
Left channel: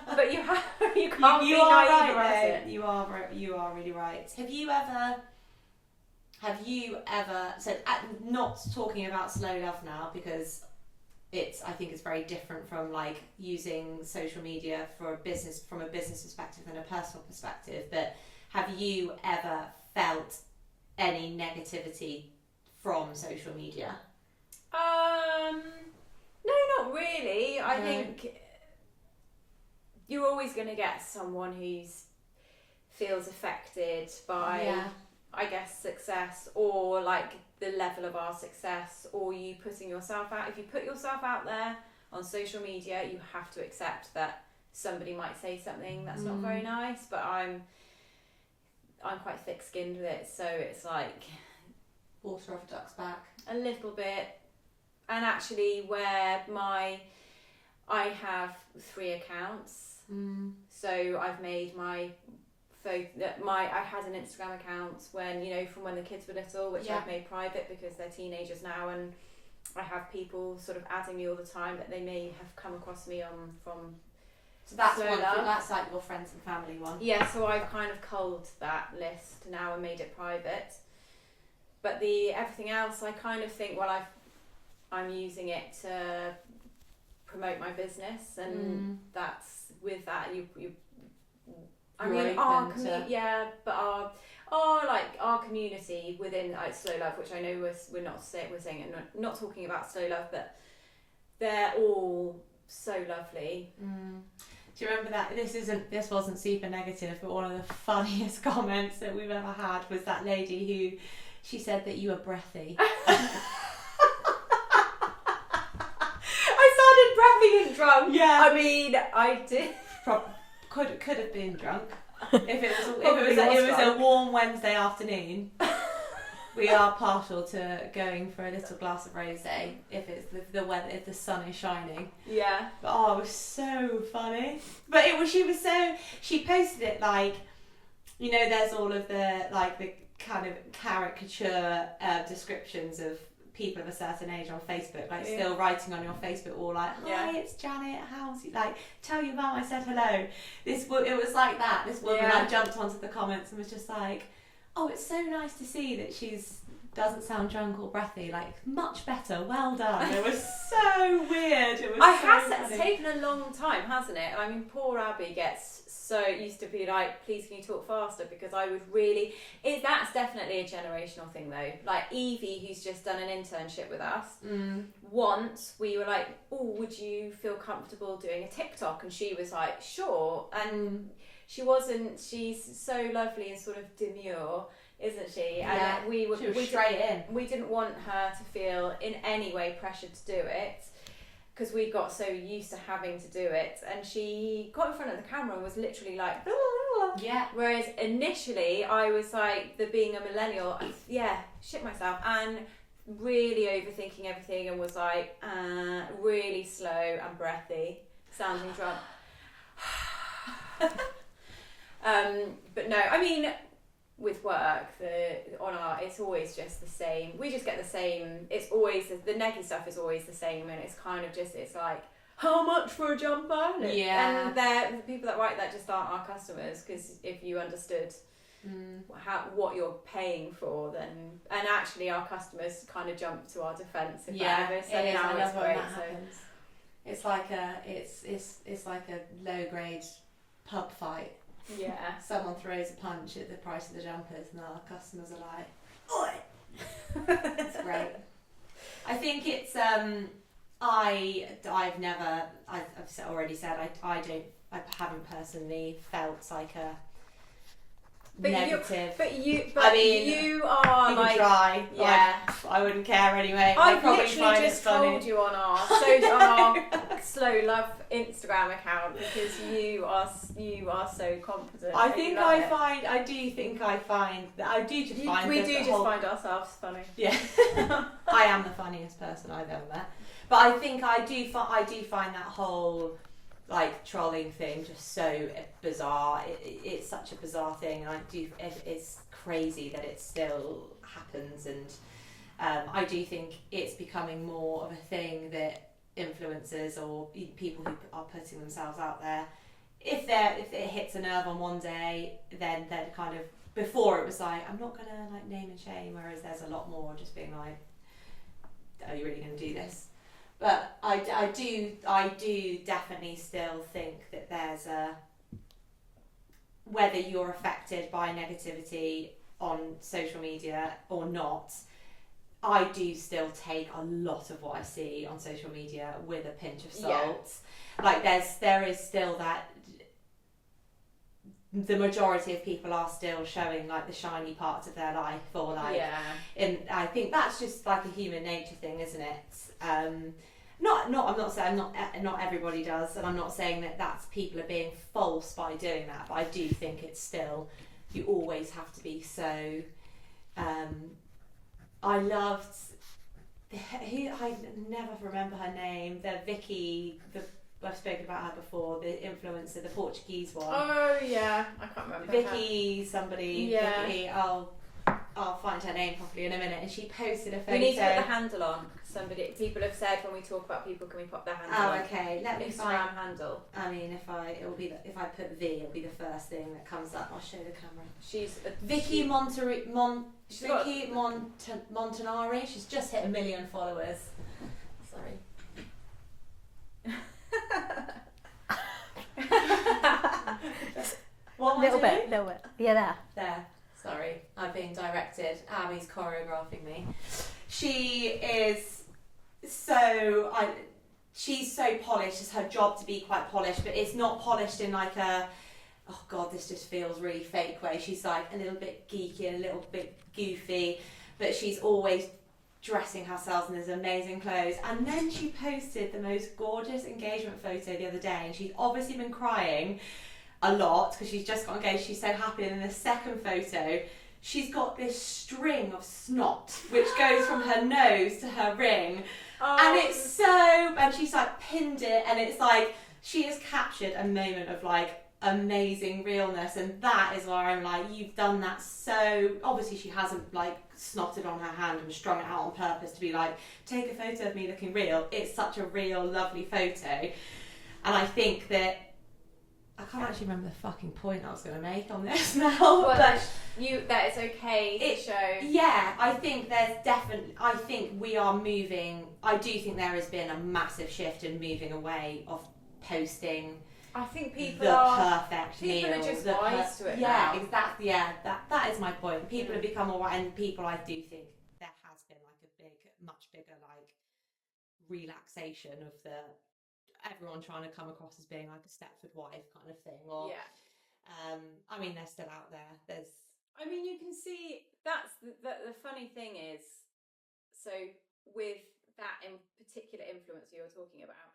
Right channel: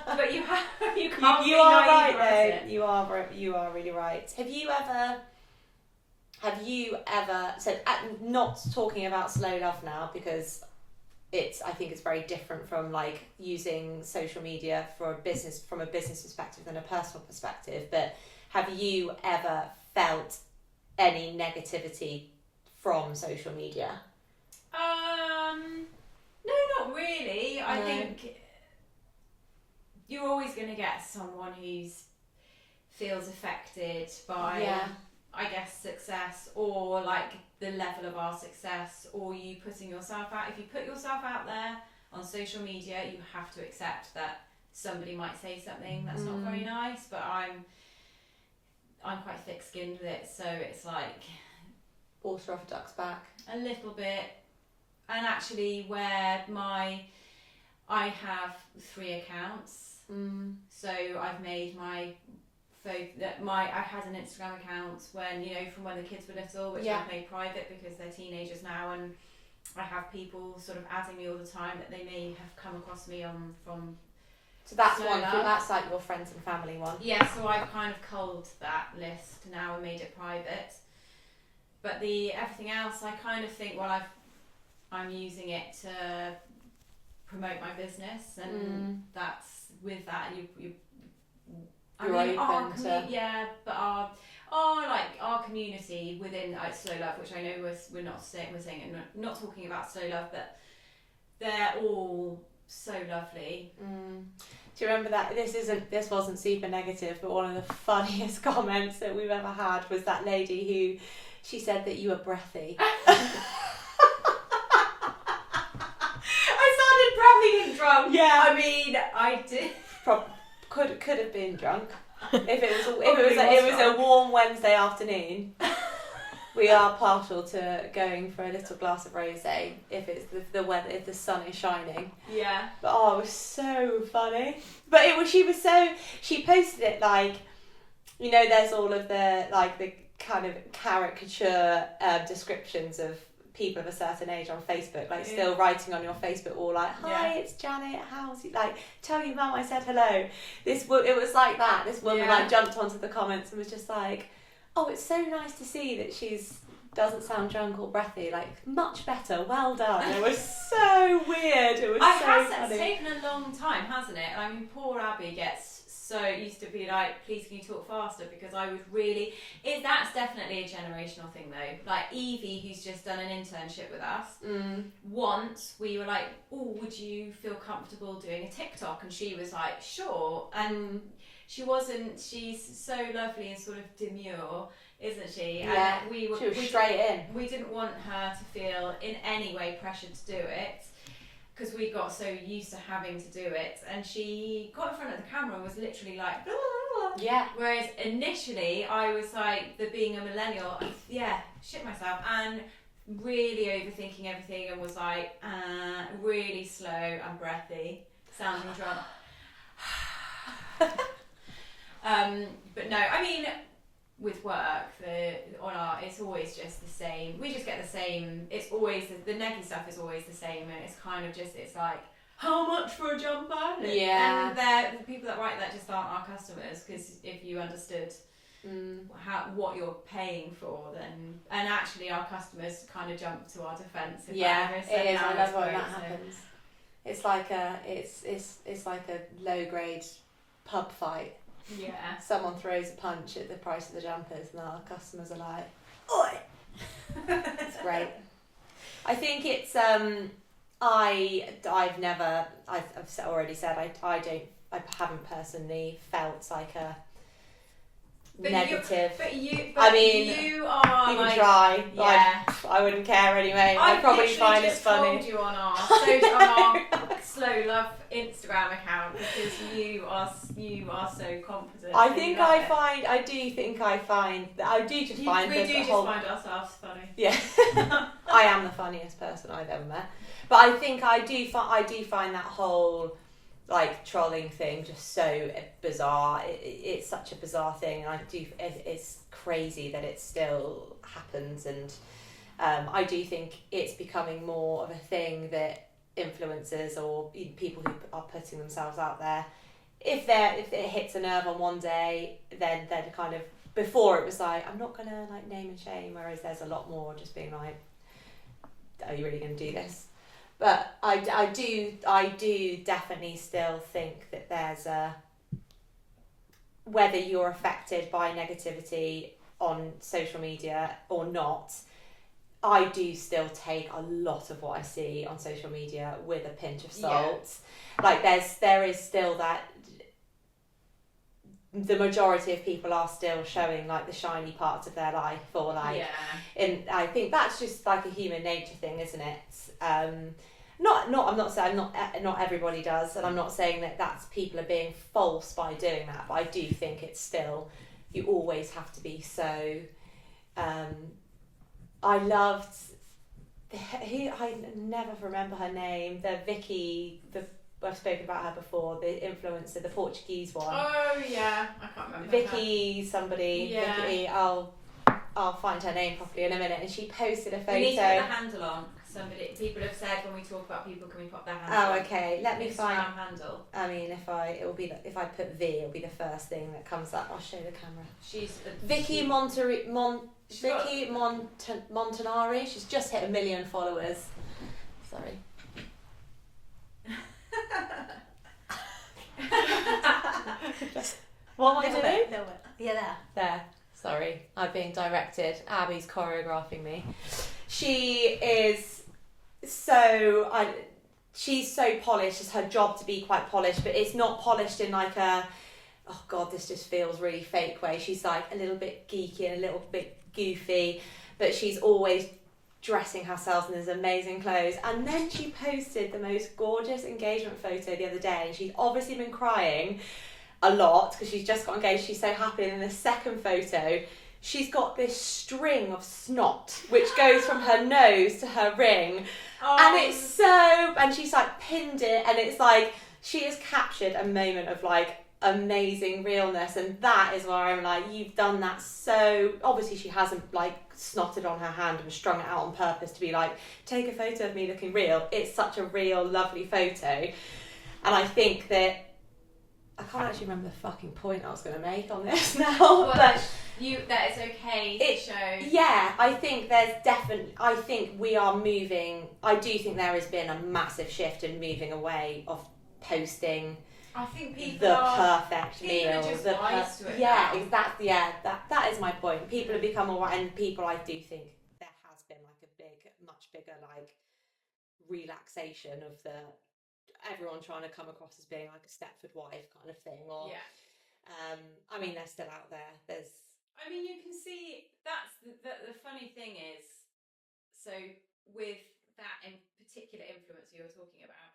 But you can't be naive about it. You are really right. Have you ever said, not talking about slow love now, because I think it's very different from like using social media for a business, from a business perspective than a personal perspective. But have you ever felt any negativity from social media? No, not really. I think you're always going to get someone who's feels affected by, I guess, success, or like the level of our success, or you putting yourself out. If you put yourself out there on social media, you have to accept that somebody might say something that's not very nice. But I'm quite thick-skinned with it, so it's like water off a duck's back a little bit. And actually, where I have 3 accounts, so I've made I had an Instagram account when, from when the kids were little, which I've made private because they're teenagers now, and I have people sort of adding me all the time that they may have come across me from. So that's that's like your friends and family one. Yeah, so I've kind of culled that list now and made it private. But everything else, I kind of think, I'm using it to promote my business, and that's with that our community within Slow Love, which I know we're saying and not talking about Slow Love, but they're all so lovely. Do you remember that this wasn't super negative, but one of the funniest comments that we've ever had was that lady who, she said that you were breathy. Being drunk. Yeah. I mean, I did. Could have been drunk. If it was a warm Wednesday afternoon, we are partial to going for a little glass of rosé if it's the weather, if the sun is shining. Yeah. But it was so funny. But she posted it like, there's all of the kind of caricature descriptions of people of a certain age on Facebook, still writing on your Facebook wall, like, hi, it's Janet, how's you, tell your mum I said hello. It was like that. This woman jumped onto the comments and was just like, oh, it's so nice to see that she's doesn't sound drunk or breathy, much better, well done. It was so weird. It was it's taken a long time, hasn't it? I mean, poor Abby used to be like, please can you talk faster, because I would really, that's definitely a generational thing though. Like Evie, who's just done an internship with us, once we were like, oh, would you feel comfortable doing a TikTok? And she was like, sure. And she's so lovely and sort of demure, isn't she? Yeah, and we was straight in. We didn't want her to feel in any way pressured to do it, because we got so used to having to do it, and she got in front of the camera and was literally like, blah, blah, blah. Yeah. Whereas initially I was like, being a millennial, shit myself, and really overthinking everything, and was like, really slow and breathy, sounding drunk. But no, I mean, with work, it's always just the same. We just get the same. It's always the neggy stuff is always the same, and it's kind of just, it's like, how much for a jumper? Yeah. And the people that write that just aren't our customers, because if you understood what you're paying for, then, and actually our customers kind of jump to our defence. It is. I love when that happens. It's like a low grade pub fight. Yeah. Someone throws a punch at the price of the jumpers, and our customers are like, oi! It's great. I think it's I've already said I haven't personally felt like a negative. You are even like, try. Yeah. I wouldn't care anyway. I probably find it funny. Told you on our Slow Love Instagram account, because you are so confident. I do just find ourselves funny. Yeah. I am the funniest person I've ever met. But I think I do find that whole trolling thing just so bizarre. It's such a bizarre thing, and it's crazy that it still happens, and I do think it's becoming more of a thing that influencers or people who are putting themselves out there, if it hits a nerve on one day, then kind of, before it was like, I'm not gonna name and shame, whereas there's a lot more just being like, are you really gonna do this? But I do definitely still think that there's a, whether you're affected by negativity on social media or not, I do still take a lot of what I see on social media with a pinch of salt. Yeah. Like there is still that, the majority of people are still showing like the shiny parts of their life, or like, and I think that's just like a human nature thing, isn't it? I'm not saying not everybody does, and I'm not saying that that's people are being false by doing that, but I do think it's still, you always have to be so. I loved I never remember her name. The Vicky, I've spoken about her before. The influencer, the Portuguese one. Oh yeah, I can't remember. Vicky, somebody. Yeah. Vicky, I'll find her name properly in a minute. And she posted a photo. We need to put the handle on. People have said when we talk about people, can we put their handle on? Oh, okay. Let me find Instagram handle. I mean, if I put V, it'll be the first thing that comes up. I'll show the camera. She's Vicky Montanari. She's just hit 1 million followers. Sorry. What little bit. Yeah, there. Sorry, I've been directed. Abby's choreographing me. She is she's so polished. It's her job to be quite polished, but it's not polished in like a, oh god, this just feels really fake way. She's like a little bit geeky and a little bit goofy, but she's always dressing herself in these amazing clothes. And then she posted the most gorgeous engagement photo the other day, and she's obviously been crying a lot because she's just got engaged. She's so happy. And in the second photo, she's got this string of snot which goes from her nose to her ring. And it's so, and she's like pinned it, and it's like she has captured a moment of like amazing realness. And that is where I'm like, you've done that so, obviously she hasn't like snotted on her hand and strung it out on purpose to be like, take a photo of me looking real. It's such a real lovely photo. And I think that, I can't actually remember the fucking point I was going to make on this now. Well, but that it's okay to show. Yeah, I think there's definitely, I think we are moving, I do think there has been a massive shift in moving away of posting. I think people the are perfect people meal. are just wise to it Yeah, now. exactly. Yeah, that is my point. People have become more, and people, I do think there has been like a much bigger like relaxation of the everyone trying to come across as being like a Stepford wife kind of thing, or I mean they're still out there. I mean, you can see that's the funny thing is, so with that in particular influencer you're talking about,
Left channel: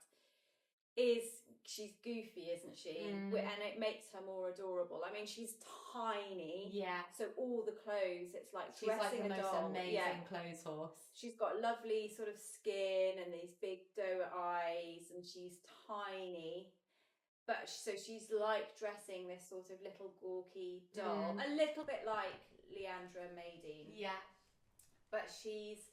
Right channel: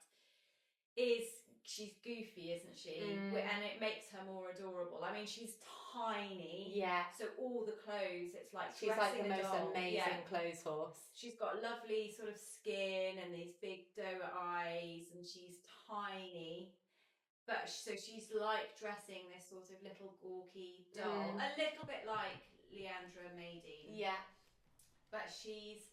is she's goofy, isn't she? And it makes her more adorable. I mean, she's tiny. Yeah. So all the clothes, it's like she's like the most doll. amazing clothes horse. She's got lovely sort of skin and these big doe eyes, and she's tiny. But so she's like dressing this sort of little gawky doll, a little bit like Leandra Maydeen. Yeah. But she's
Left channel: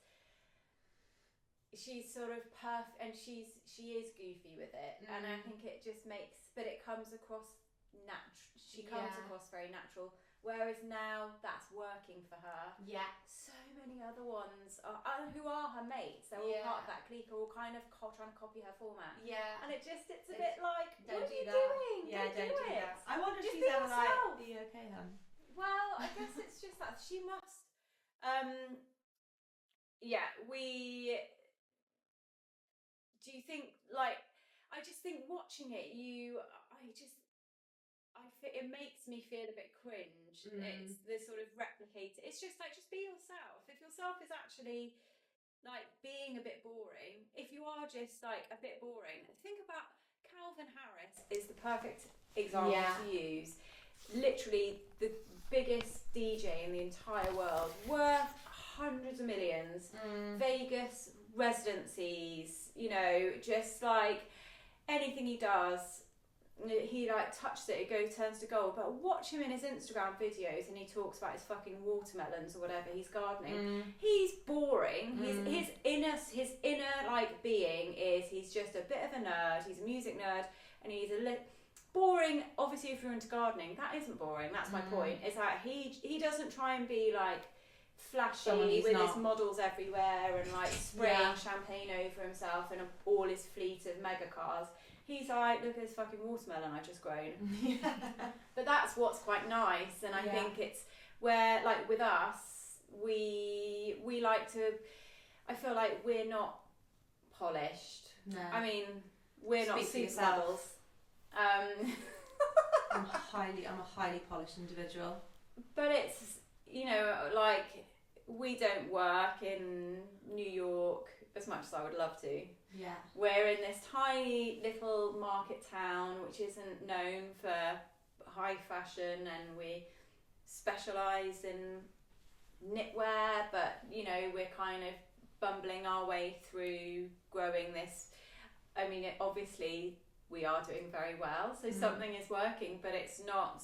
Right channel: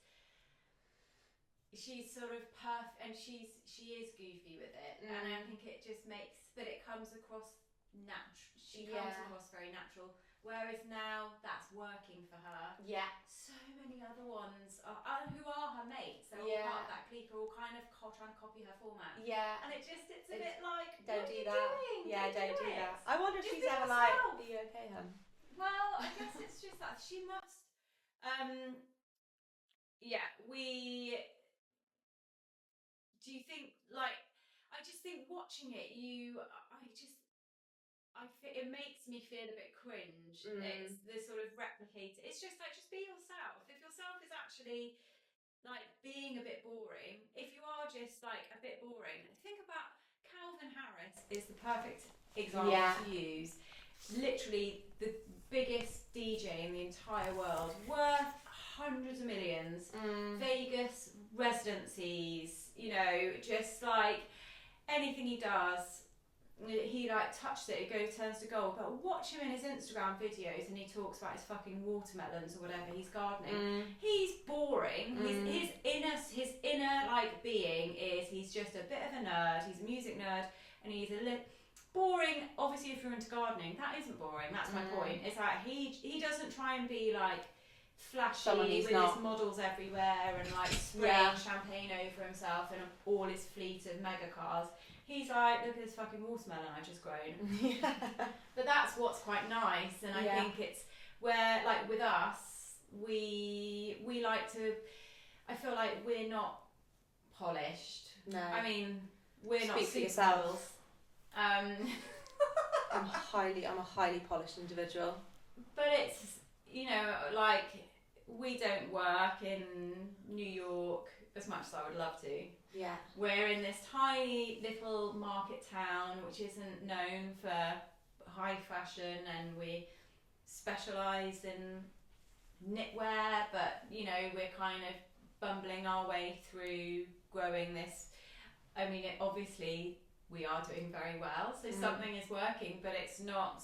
sort of perfect, and she is goofy with it, and I think it just makes, but it comes across natural. She comes across very natural, whereas now that's working for her. Yeah. So many other ones who are her mates, they're all part of that clique, are all kind of trying to copy her format. Yeah. And it's a bit like, don't what do are you that. doing? Yeah, don't do that. I wonder if just she's ever like, yourself. are you okay, hun? Well, I guess it's just that she must. Do you think, like, I just think watching it, it makes me feel a bit cringe. It's the sort of replicate. It's just like, just be yourself. If yourself is actually like being a bit boring, if you are just like a bit boring, think about Calvin Harris is the perfect example to use. Literally the biggest DJ in the entire world, worth hundreds of millions, Vegas residencies, you know, just like anything he does, he like touched it, turns to gold. But watch him in his Instagram videos and he talks about his fucking watermelons or whatever he's gardening. He's boring. His inner like being is, he's just a bit of a nerd, he's a music nerd, and he's boring. Obviously if you're into gardening, that isn't boring. That's my point. It's like he doesn't try and be like flashy with his models everywhere and like spraying champagne over himself and all his fleet of mega cars. He's like, look at this fucking watermelon I just grown. But that's what's quite nice, and I think it's where, like with us, we like to. I feel like we're not polished. No. I mean, we're not supermodels. I'm a highly polished individual. But it's, you know, like we don't work in New York as much as I would love to. Yeah. We're in this tiny little market town which isn't known for high fashion, and we specialise in knitwear, but you know, we're kind of bumbling our way through growing this. I mean, obviously we are doing very well, so something is working, but it's not,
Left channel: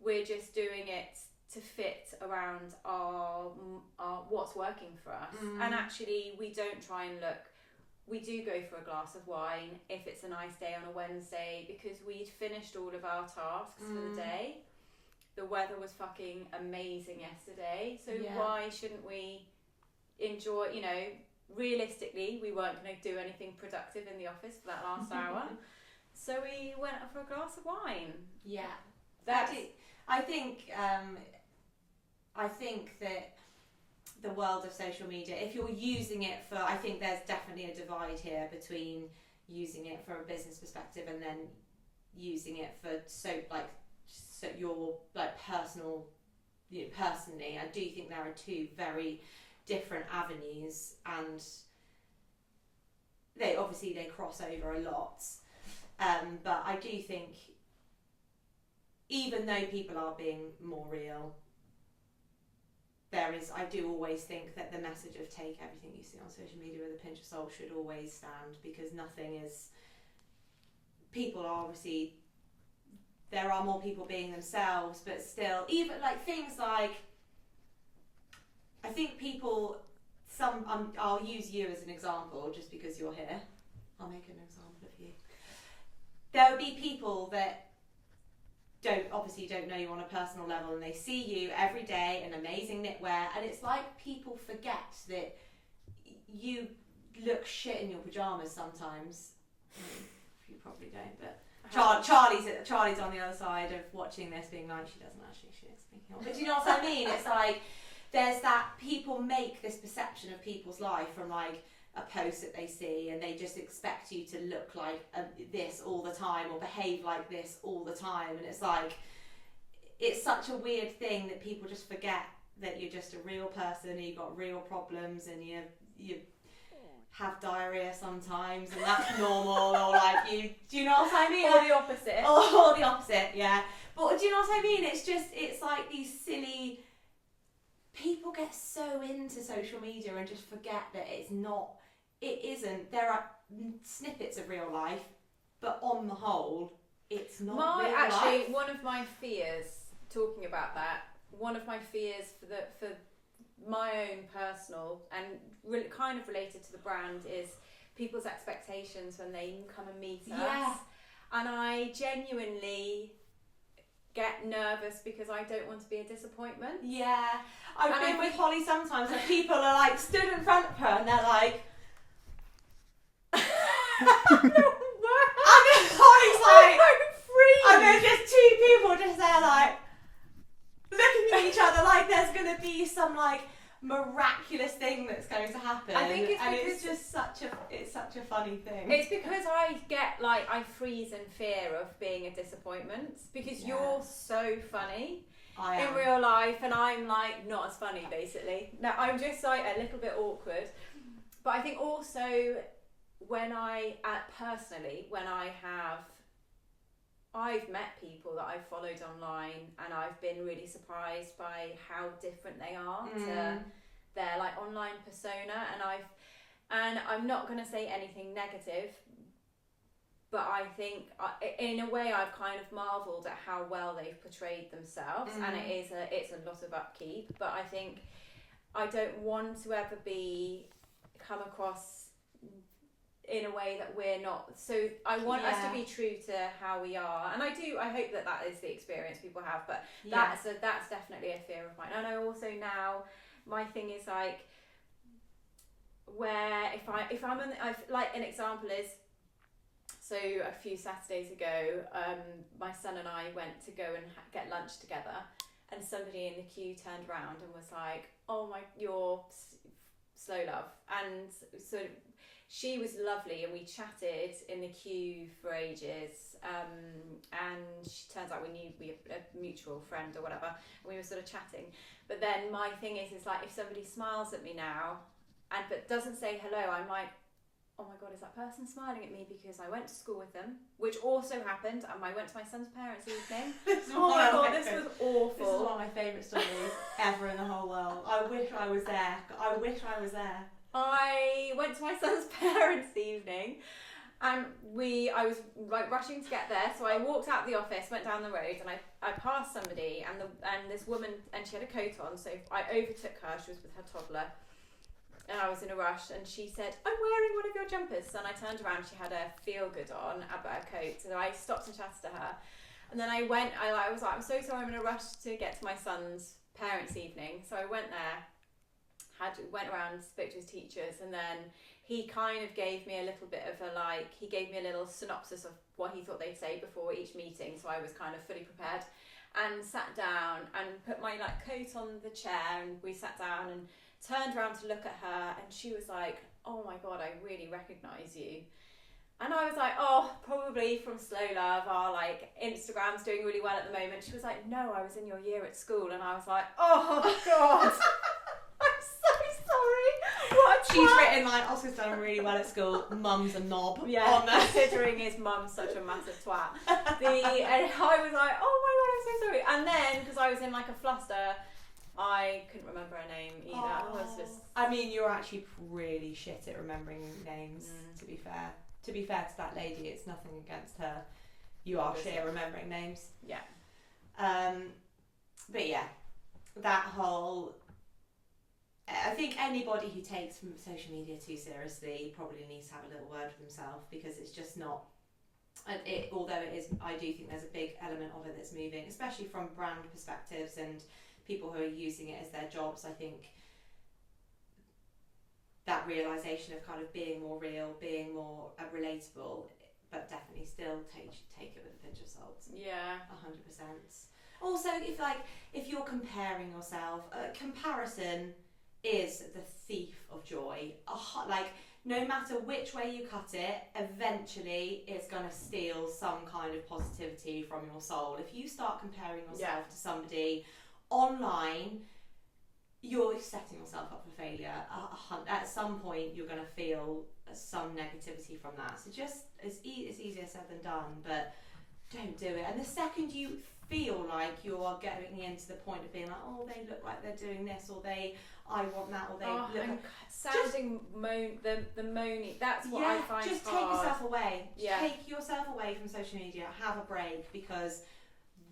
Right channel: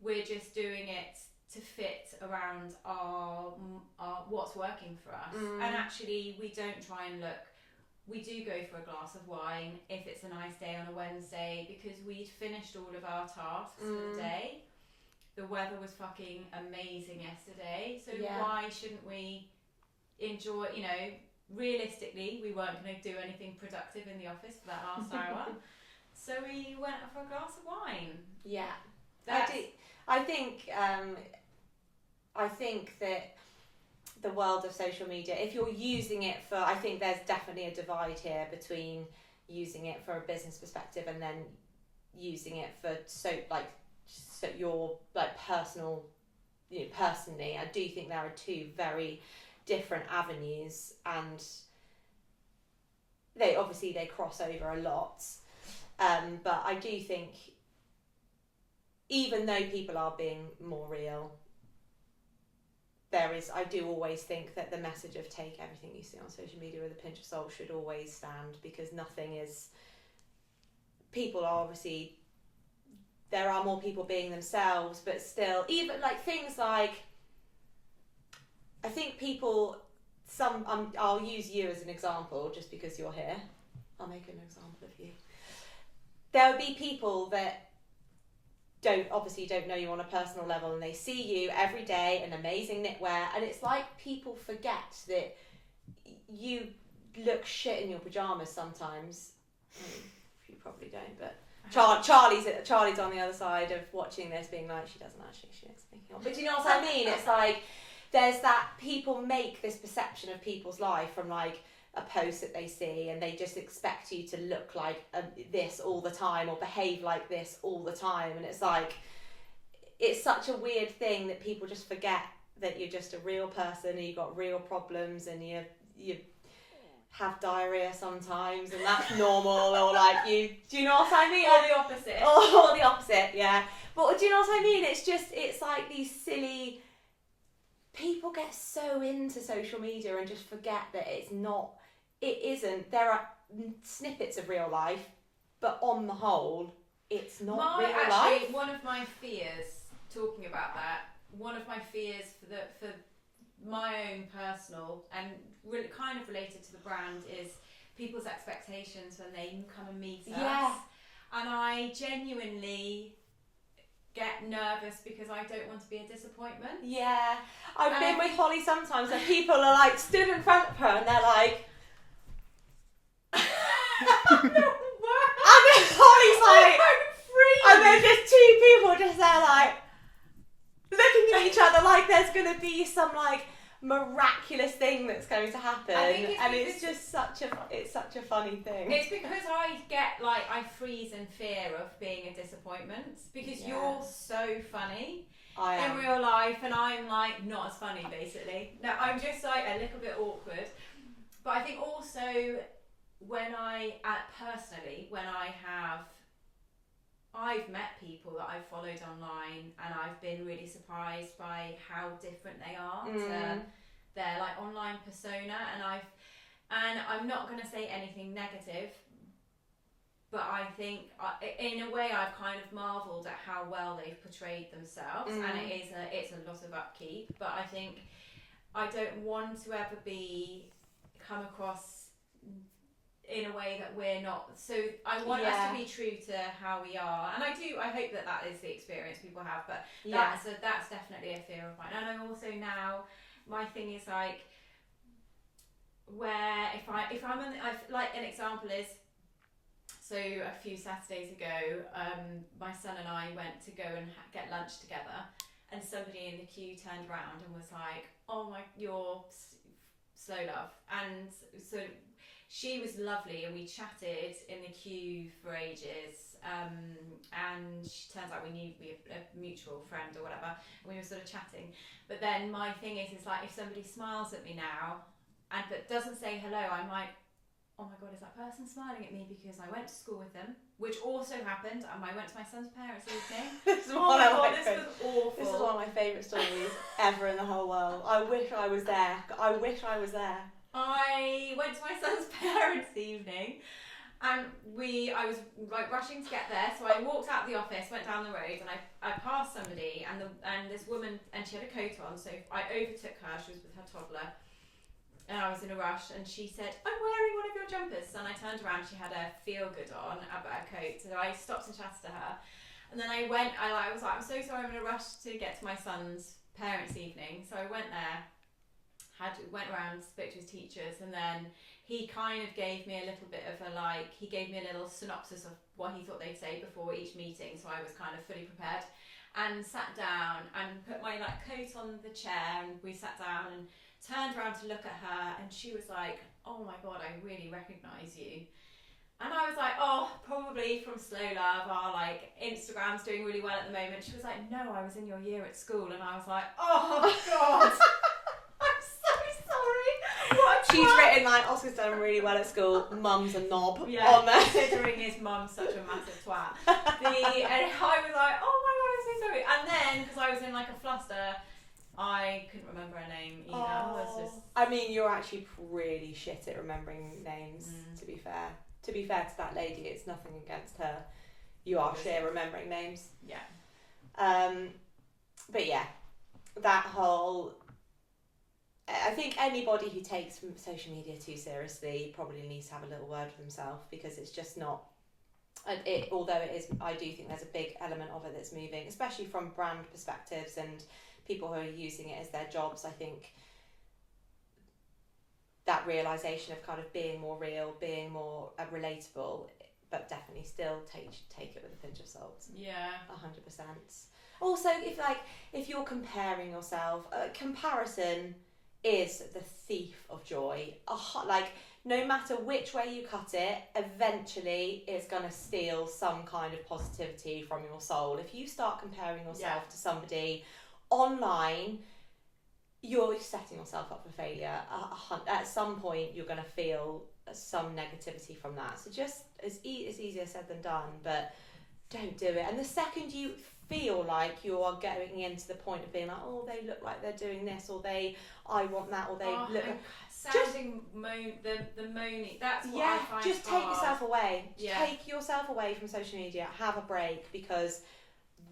we're just doing it to fit around our what's working for us. And actually we don't try and look, we do go for a glass of wine if it's a nice day on a Wednesday, because we'd finished all of our tasks for the day. The weather was fucking amazing yesterday, so why shouldn't we enjoy, you know, realistically we weren't going to do anything productive in the office for that last hour, so we went for a glass of wine. I think that the world of social media, if you're using it for, I think there's definitely a divide here between using it for a business perspective and then using it for your like personal, you know, personally. I do think there are two very different avenues, and they cross over a lot. But I do think, even though people are being more real, I do always think that the message of take everything you see on social media with a pinch of salt should always stand, because people are obviously, there are more people being themselves, but still, even like things like, I think people, I'll use you as an example just because you're here. I'll make an example of you. There will be people that don't know you on a personal level, and they see you every day in amazing knitwear, and it's like people forget that you look shit in your pajamas sometimes. You probably don't, but Charlie's on the other side of watching this being like, she doesn't actually, she is thinking. But do you know what I mean? It's like there's that, people make this perception of people's life from like a post that they see, and they just expect you to look like this all the time or behave like this all the time, and it's like, it's such a weird thing that people just forget that you're just a real person and you've got real problems, and you have diarrhea sometimes, and that's normal, or like do you know what I mean? Or the opposite. Or the opposite, yeah. But do you know what I mean? It's like these silly, people get so into social media and just forget that it isn't. There are snippets of real life, but on the whole, it's not real life. One of my fears, talking about that, one of my fears for my own personal and really kind of related to the brand is people's expectations when they come and meet us. And I genuinely get nervous because I don't want to be a disappointment. Yeah. I've been with Holly sometimes and people are like stood in front of her and they're like, and then Holly's like, and then just two people just there like looking at each other like there's going to be some like miraculous thing that's going to happen. I think it's just such a funny thing. It's because I freeze in fear of being a disappointment, because you're so funny in real life and I'm like not as funny basically. No, I'm just like a little bit awkward. But I think also when I've met people that I've followed online and I've been really surprised by how different they are to their like online persona, and I'm not going to say anything negative, but I think in a way I've kind of marvelled at how well they've portrayed themselves, and it's a lot of upkeep, but I think I don't want to ever come across in a way that we're not, so I want us to be true to how we are, and I hope that is the experience people have, but that's definitely a fear of mine. And I also now my thing is like, where if I'm like, an example is, so a few Saturdays ago, my son and I went to go and get lunch together, and somebody in the queue turned around and was like, "Oh my, you're Slow Love," and so she was lovely, and we chatted in the queue for ages, and she turns out we had a mutual friend or whatever, and we were sort of chatting. But then my thing is like, if somebody smiles at me now but doesn't say hello, I'm like, oh my god, is that person smiling at me because I went to school with them, which also happened, and I went to my son's parents' evening. This was awful. This is one of my favourite stories ever in the whole world. I wish I was there. I went to my son's parents' evening, and I was like rushing to get there, so I walked out the office, went down the road, and I passed somebody, and this woman, and she had a coat on, so I overtook her. She was with her toddler, and I was in a rush, and she said, "I'm wearing one of your jumpers," and I turned around, she had a feel good on, about her coat, so I stopped and chatted to her, and then I was like, "I'm so sorry, I'm in a rush to get to my son's parents' evening," so I went there, went around, spoke to his teachers, and then he kind of gave me a little bit of he gave me a little synopsis of what he thought they'd say before each meeting, so I was kind of fully prepared, and sat down and put my coat on the chair, and we sat down and turned around to look at her, and she was like, "Oh my god, I really recognise you." And I was like, "Oh, probably from Slow Love, our Instagram's doing really well at the moment." She was like, "No, I was in your year at school," and I was like, "Oh god." I'm so sorry. What a She's twat. written Oscar's done really well at school. Mum's a knob. Yeah, on there. considering his mum's such a massive twat. And I was like, "Oh my god, I'm so sorry." And then, because I was in a fluster, I couldn't remember her name either. I was just... I mean, you're actually really shit at remembering names, to be fair. To be fair to that lady, it's nothing against her. You are shit at remembering names. Yeah. But yeah, that whole... I think anybody who takes from social media too seriously probably needs to have a little word with themselves, because it's just not... although it is, I do think there's a big element of it that's moving, especially from brand perspectives and people who are using it as their jobs. I think that realisation of kind of being more real, being more relatable, but definitely still take it with a pinch of salt. Yeah. 100%. Also, if you're comparing yourself, comparison is the thief of joy. No matter which way you cut it, eventually it's going to steal some kind of positivity from your soul. If you start comparing yourself to somebody online, you're setting yourself up for failure. At some point, you're going to feel some negativity from that. So just, it's easier said than done, but don't do it. And the second you feel like you are getting into the point of being like, "Oh, they look like they're doing this," or I want that, or they look... Sounding the moany, that's what I find just hard. take yourself away. Yeah. Take yourself away from social media. Have a break, because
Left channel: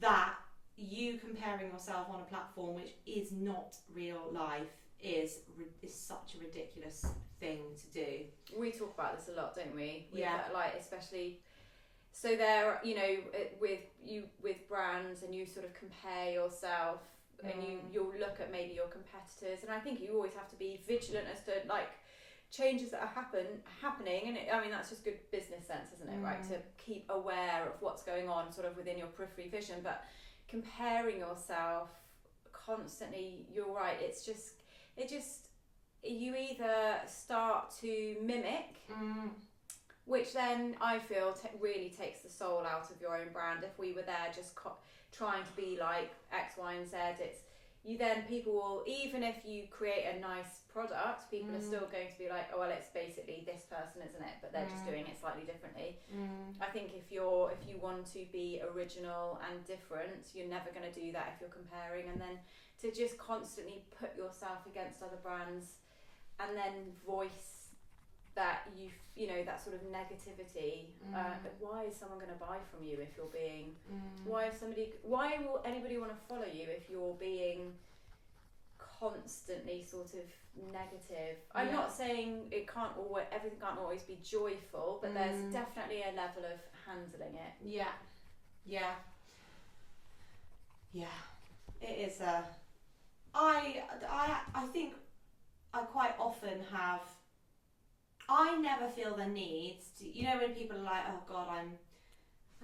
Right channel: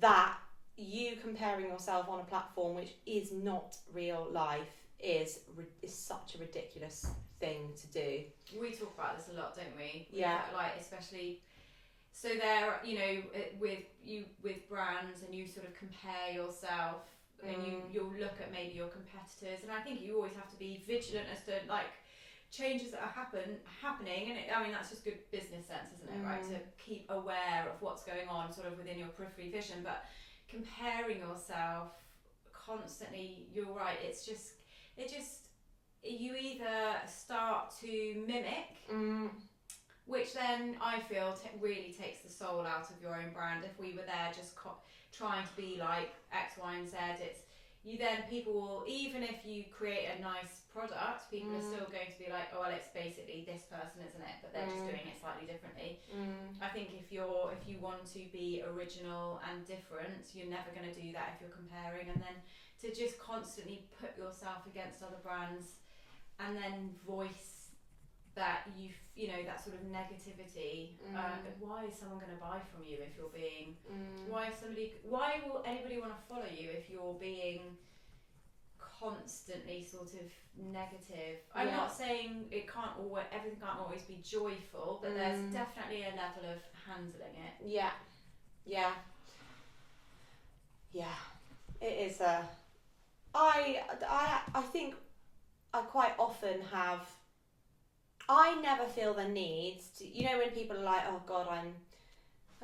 that... you comparing yourself on a platform which is not real life is such a ridiculous thing to do. We talk about this a lot, don't we? Yeah. Especially, so there, with brands, and you sort of compare yourself, and you'll look at maybe your competitors, and I think you always have to be vigilant as to changes that are happening, and that's just good business sense, isn't it? Right, to keep aware of what's going on sort of within your periphery vision, but comparing yourself constantly, you're right, you either start to mimic, which then I feel really takes the soul out of your own brand. If we were there just trying to be like X, Y and Z, people will, even if you create a nice product, people are still going to be like, "Oh, well, it's basically this person, isn't it?" But they're just doing it slightly differently. I think if you want to be original and different, you're never going to do that if you're comparing. And then to just constantly put yourself against other brands, and then voice that that sort of negativity. Why is someone going to buy from you if you're being? Why will anybody want to follow you if you're being constantly sort of negative? I'm not saying everything can't always be joyful, but there's definitely a level of handling it. Yeah. It is I think I quite often have. I never feel the need to, you know, when people are like, oh God, I'm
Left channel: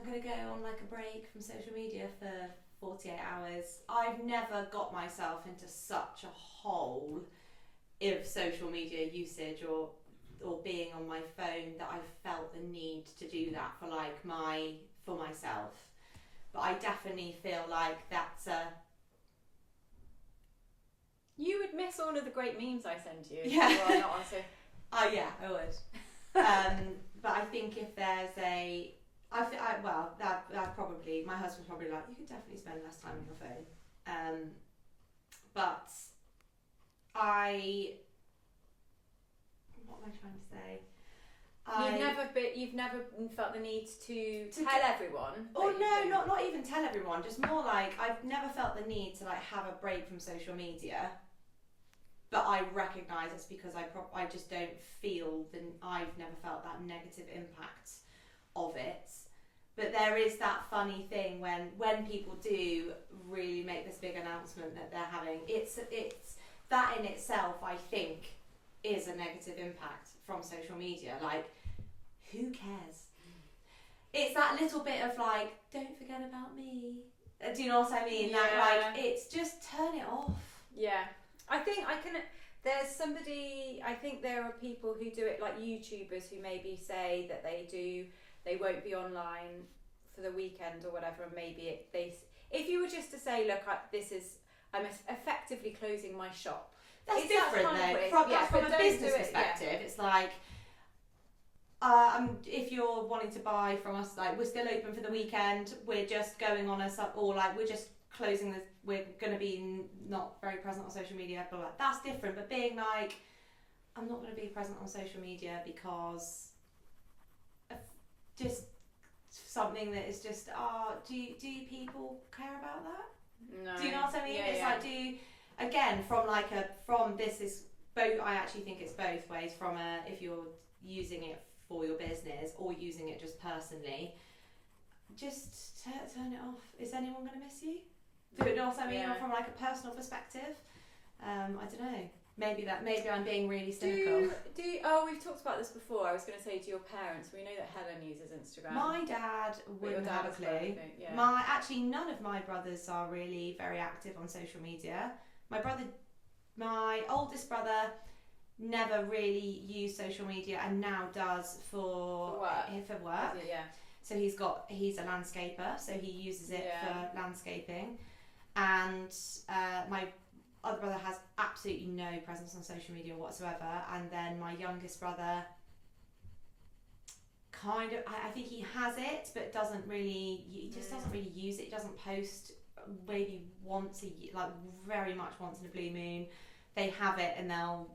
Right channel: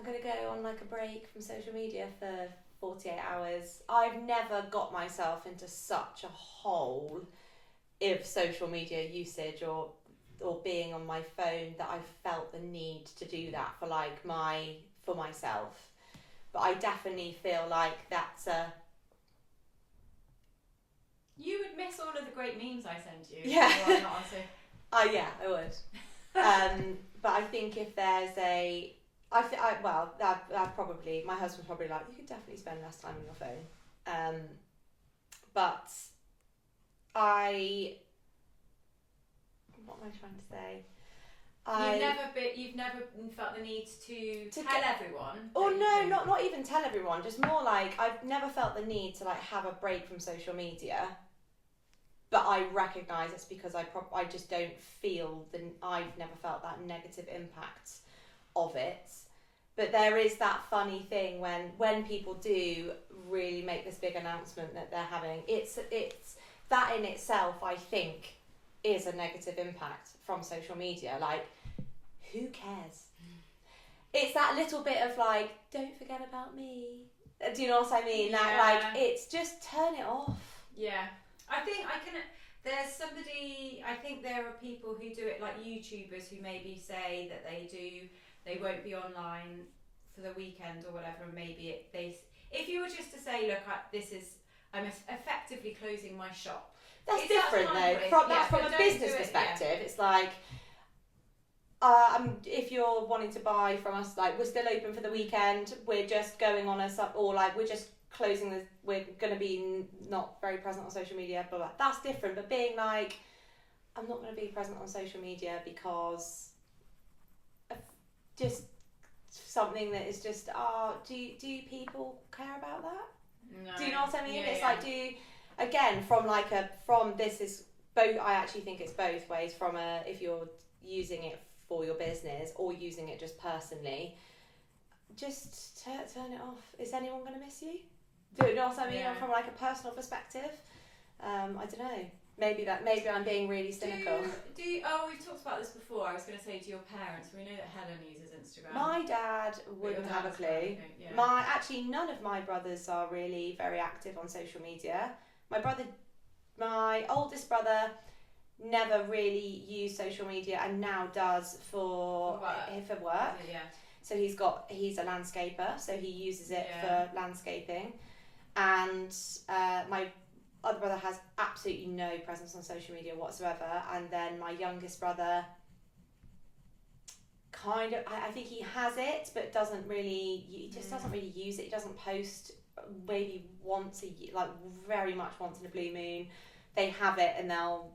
going to go on like a break from social media for 48 hours. I've never got myself into such a hole of social media usage or being on my phone that I've felt the need to do that for like for myself. But I definitely feel like that's a... You would miss all of the great memes I send you. Yeah. If you are not on Yeah, I would. But I think if there's a... that probably... My husband's probably like, you could definitely spend less time on your phone. But what am I trying to say? You've never felt the need to tell everyone. Oh no, not even tell everyone. Just more like I've never felt the need to like have a break from social media. But I recognise it's because I just don't feel I've never felt that negative impact of it. But there is that funny thing when people do really make this big announcement that they're having. It's that in itself, I think, is a negative impact from social media. Like, who cares? It's that little bit of like, don't forget about me. Do you know what I mean? Yeah. That like, it's just turn it off. Yeah. I think I think there are people who do it, like YouTubers who maybe say that they won't be online for the weekend or whatever, and maybe if you were just to say, look, I'm effectively closing my shop. That's different though. From a business perspective, yeah. It's like, if you're wanting to buy from us, like we're still open for the weekend, we're just going on or like we're just closing we're going to be not very present on social media, blah, blah. That's different. But being like, I'm not going to be present on social media because of just something that is just, do people care about that? No. Do you know what I mean? Yeah, it's yeah. like, again, this is both, I actually think it's both ways, if you're using it for your business or using it just personally, just turn it off. Is anyone going to miss you? Do you know what I mean? Yeah. From like a personal perspective, I don't know. Maybe I'm being really cynical. We've talked about this before. I was going to say, to your parents, we know that Helen uses Instagram. My dad wouldn't have a clue. Yeah. Actually, none of my brothers are really very active on social media. My oldest brother never really used social media and now does for work. Yeah. So he's a landscaper, so he uses it for landscaping. And my other brother has absolutely no presence on social media whatsoever. And then my youngest brother kind of, I think he has it, but doesn't really use it. He doesn't post maybe once a year, like very much once in a blue moon. They have it and they'll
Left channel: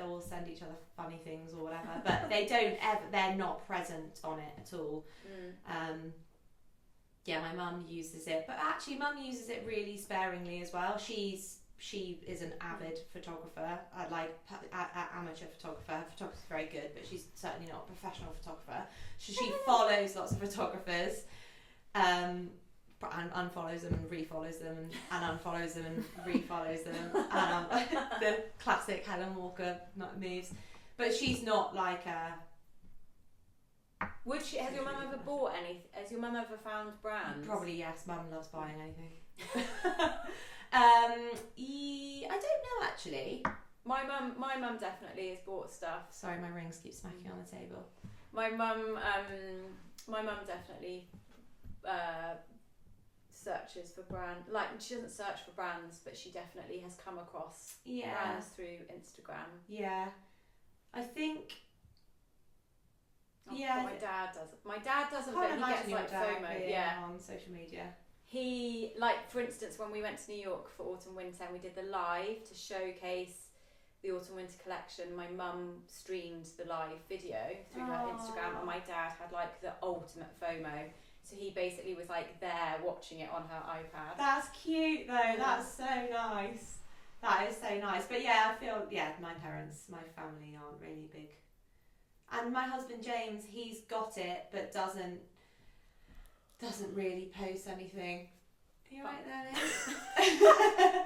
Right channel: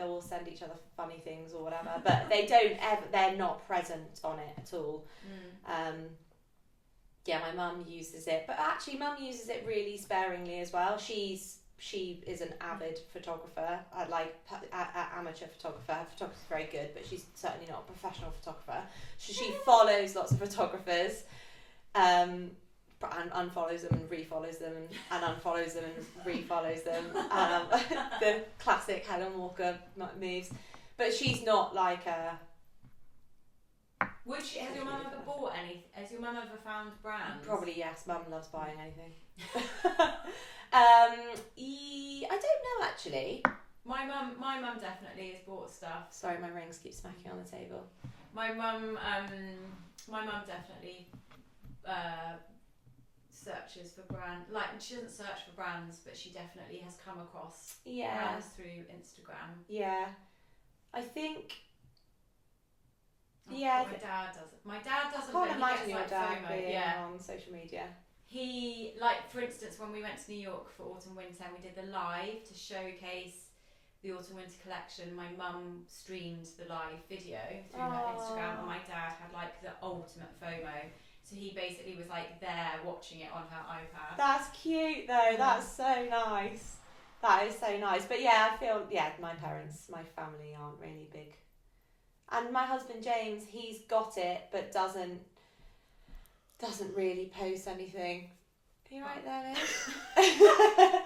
all send each other funny things or whatever, but they're not present on it at all. My mum uses it, but actually mum uses it really sparingly as well. She is an avid photographer, amateur photographer. Her photography is very good, but she's certainly not a professional photographer. So she follows lots of photographers, and unfollows them and refollows them and unfollows them and refollows them. The classic Helen Walker moves. But she's not like a... Has your mum ever bought any? Has your mum ever found brands? Probably yes. Mum loves buying anything. I don't know actually. My mum definitely has bought stuff. Sorry, my rings keep smacking on the table. My mum definitely searches for brands. Like, she doesn't search for brands, but she definitely has come across brands through Instagram. Yeah, I think. My dad doesn't. My dad doesn't. I can't imagine he your gets dad FOMO. on social media. He, like, for instance, when we went to New York for autumn winter, and we did the live to showcase the autumn winter collection. My mum streamed the live video through her Instagram, and my dad had like the ultimate FOMO. So he basically was like there watching it on her iPad. That's cute though. That's so nice. That is so nice. But yeah, I feel my family aren't really big. And my husband James, he's got it, but doesn't really post anything. You right there, Liz?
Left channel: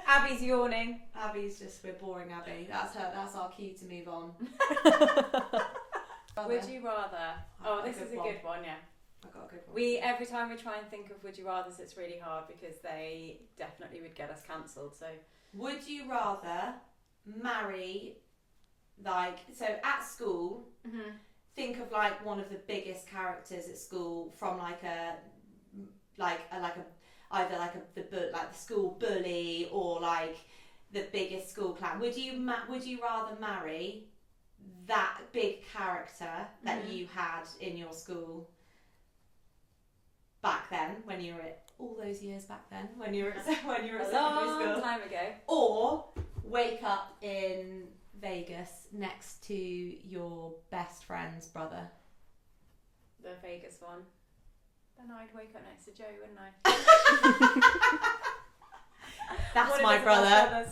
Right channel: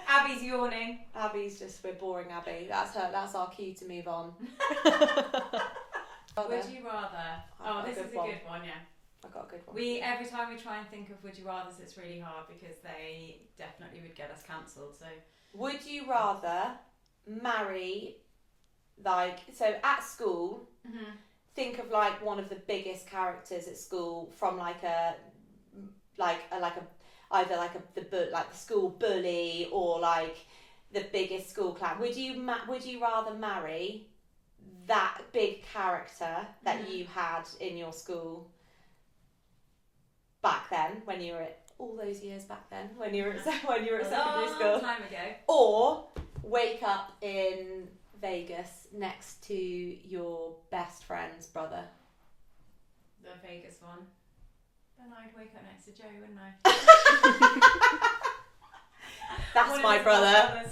Abby's yawning. Abby's just, we're boring Abby. That's our cue to move on. Would you rather? Oh, this is a good one, yeah. I've got a good one. Every time we try and think of would you rathers, it's really hard because they definitely would get us cancelled. So, would you rather marry, like, so at school, think of like one of the biggest characters at school from either the school bully or like the biggest school clown. Would you rather marry that big character that you had in your school back then, when you were at all those years back then, when you were at secondary school, long time ago, or wake up in Vegas next to your best friend's brother? The Vegas one. Then I'd wake up next to Joe, wouldn't I? That's my brother.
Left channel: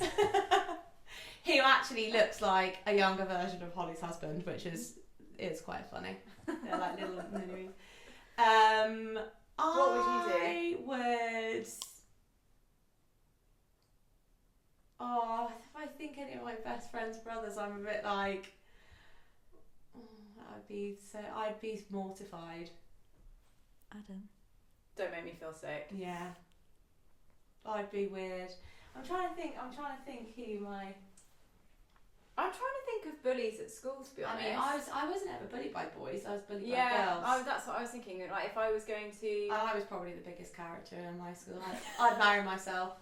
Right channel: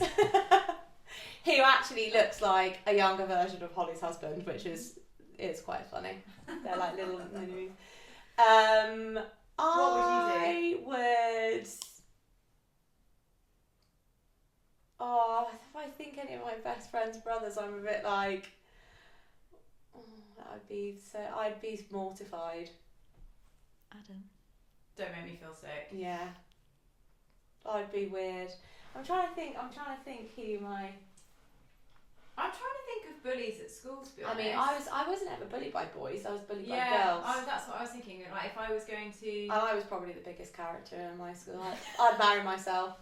Who actually looks like a younger version of Holly's husband, which is quite funny. They're like little mini. What would you do? I would. Oh, if I think any of my best friend's brothers, I'm a bit like. I'd be mortified. Adam. Don't make me feel sick. Yeah. I'd be weird. I'm trying to think who my. I'm trying to think of bullies at school, to be honest. I mean, I wasn't ever bullied by boys. I was bullied by yeah, girls. that's what I was thinking. Like, if I was going to, And I was probably the biggest character in my school. I'd marry myself.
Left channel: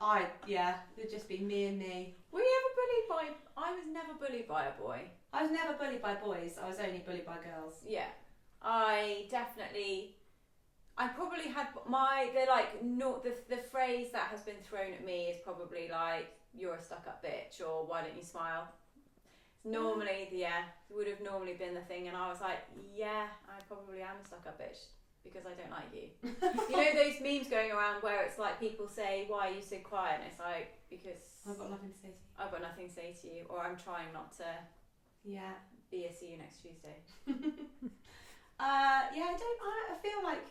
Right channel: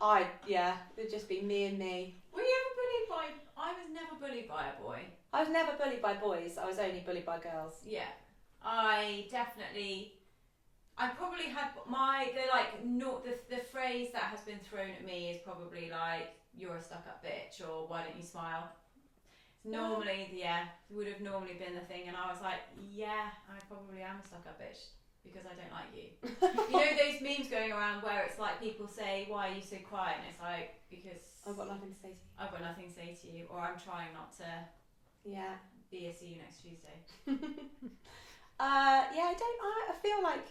It'd just be me and me. were you ever bullied by? I was never bullied by a boy. I was never bullied by boys. I was only bullied by girls. Yeah, I probably had the phrase that has been thrown at me is probably like, you're a stuck-up bitch, or why don't you smile? Normally, would have normally been the thing, and I was like, yeah, I probably am a stuck-up bitch because I don't like you. You know those memes going around where it's like people say, why are you so quiet? And it's like, because I've got nothing to say to you. I've got nothing to say to you, or I'm trying not to be a see you next Tuesday. I feel like,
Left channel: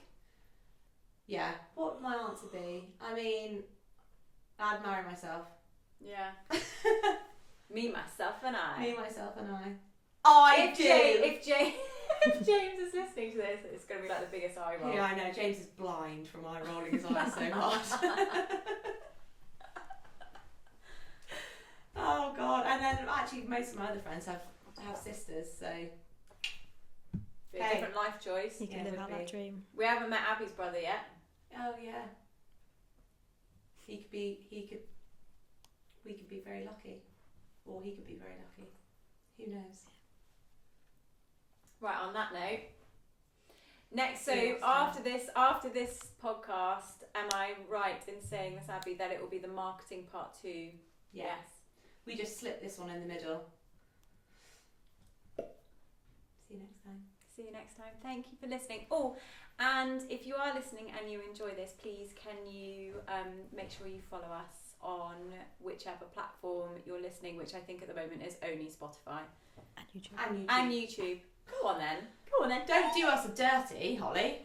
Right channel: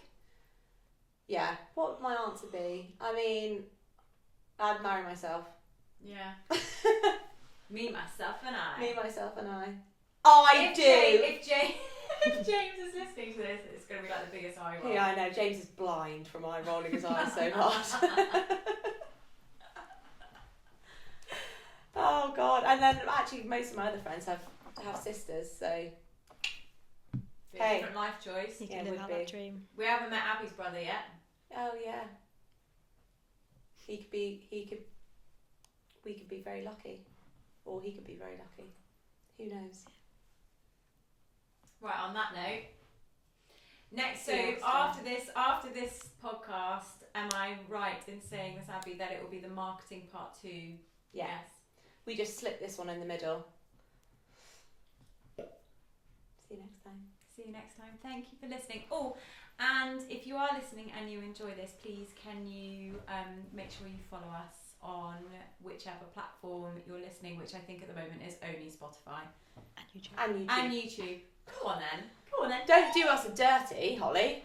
what would my answer be? I mean, I'd marry myself. Yeah. Me, myself, and I. Me, myself, and I. If James is listening to this, it's going to be like the biggest eye roll. Yeah, I know. James is blind from eye rolling his eyes so hard. Oh God! And then actually, most of my other friends have sisters, so. Be a different life choice. You can live out that dream. We haven't met Abby's brother yet. Oh yeah. We could be very lucky, or he could be very lucky. Who knows? Right, on that note, next time. after this podcast, am I right in saying, Miss Abby, that it will be the marketing part 2? Yes. We just slipped this one in the middle. See you next time. See you next time. Thank you for listening. Oh, and if you are listening and you enjoy this, please can you make sure you follow us on whichever platform you're listening, which I think at the moment is only Spotify. And YouTube. And YouTube. Go on then. Don't do us a dirty, Holly.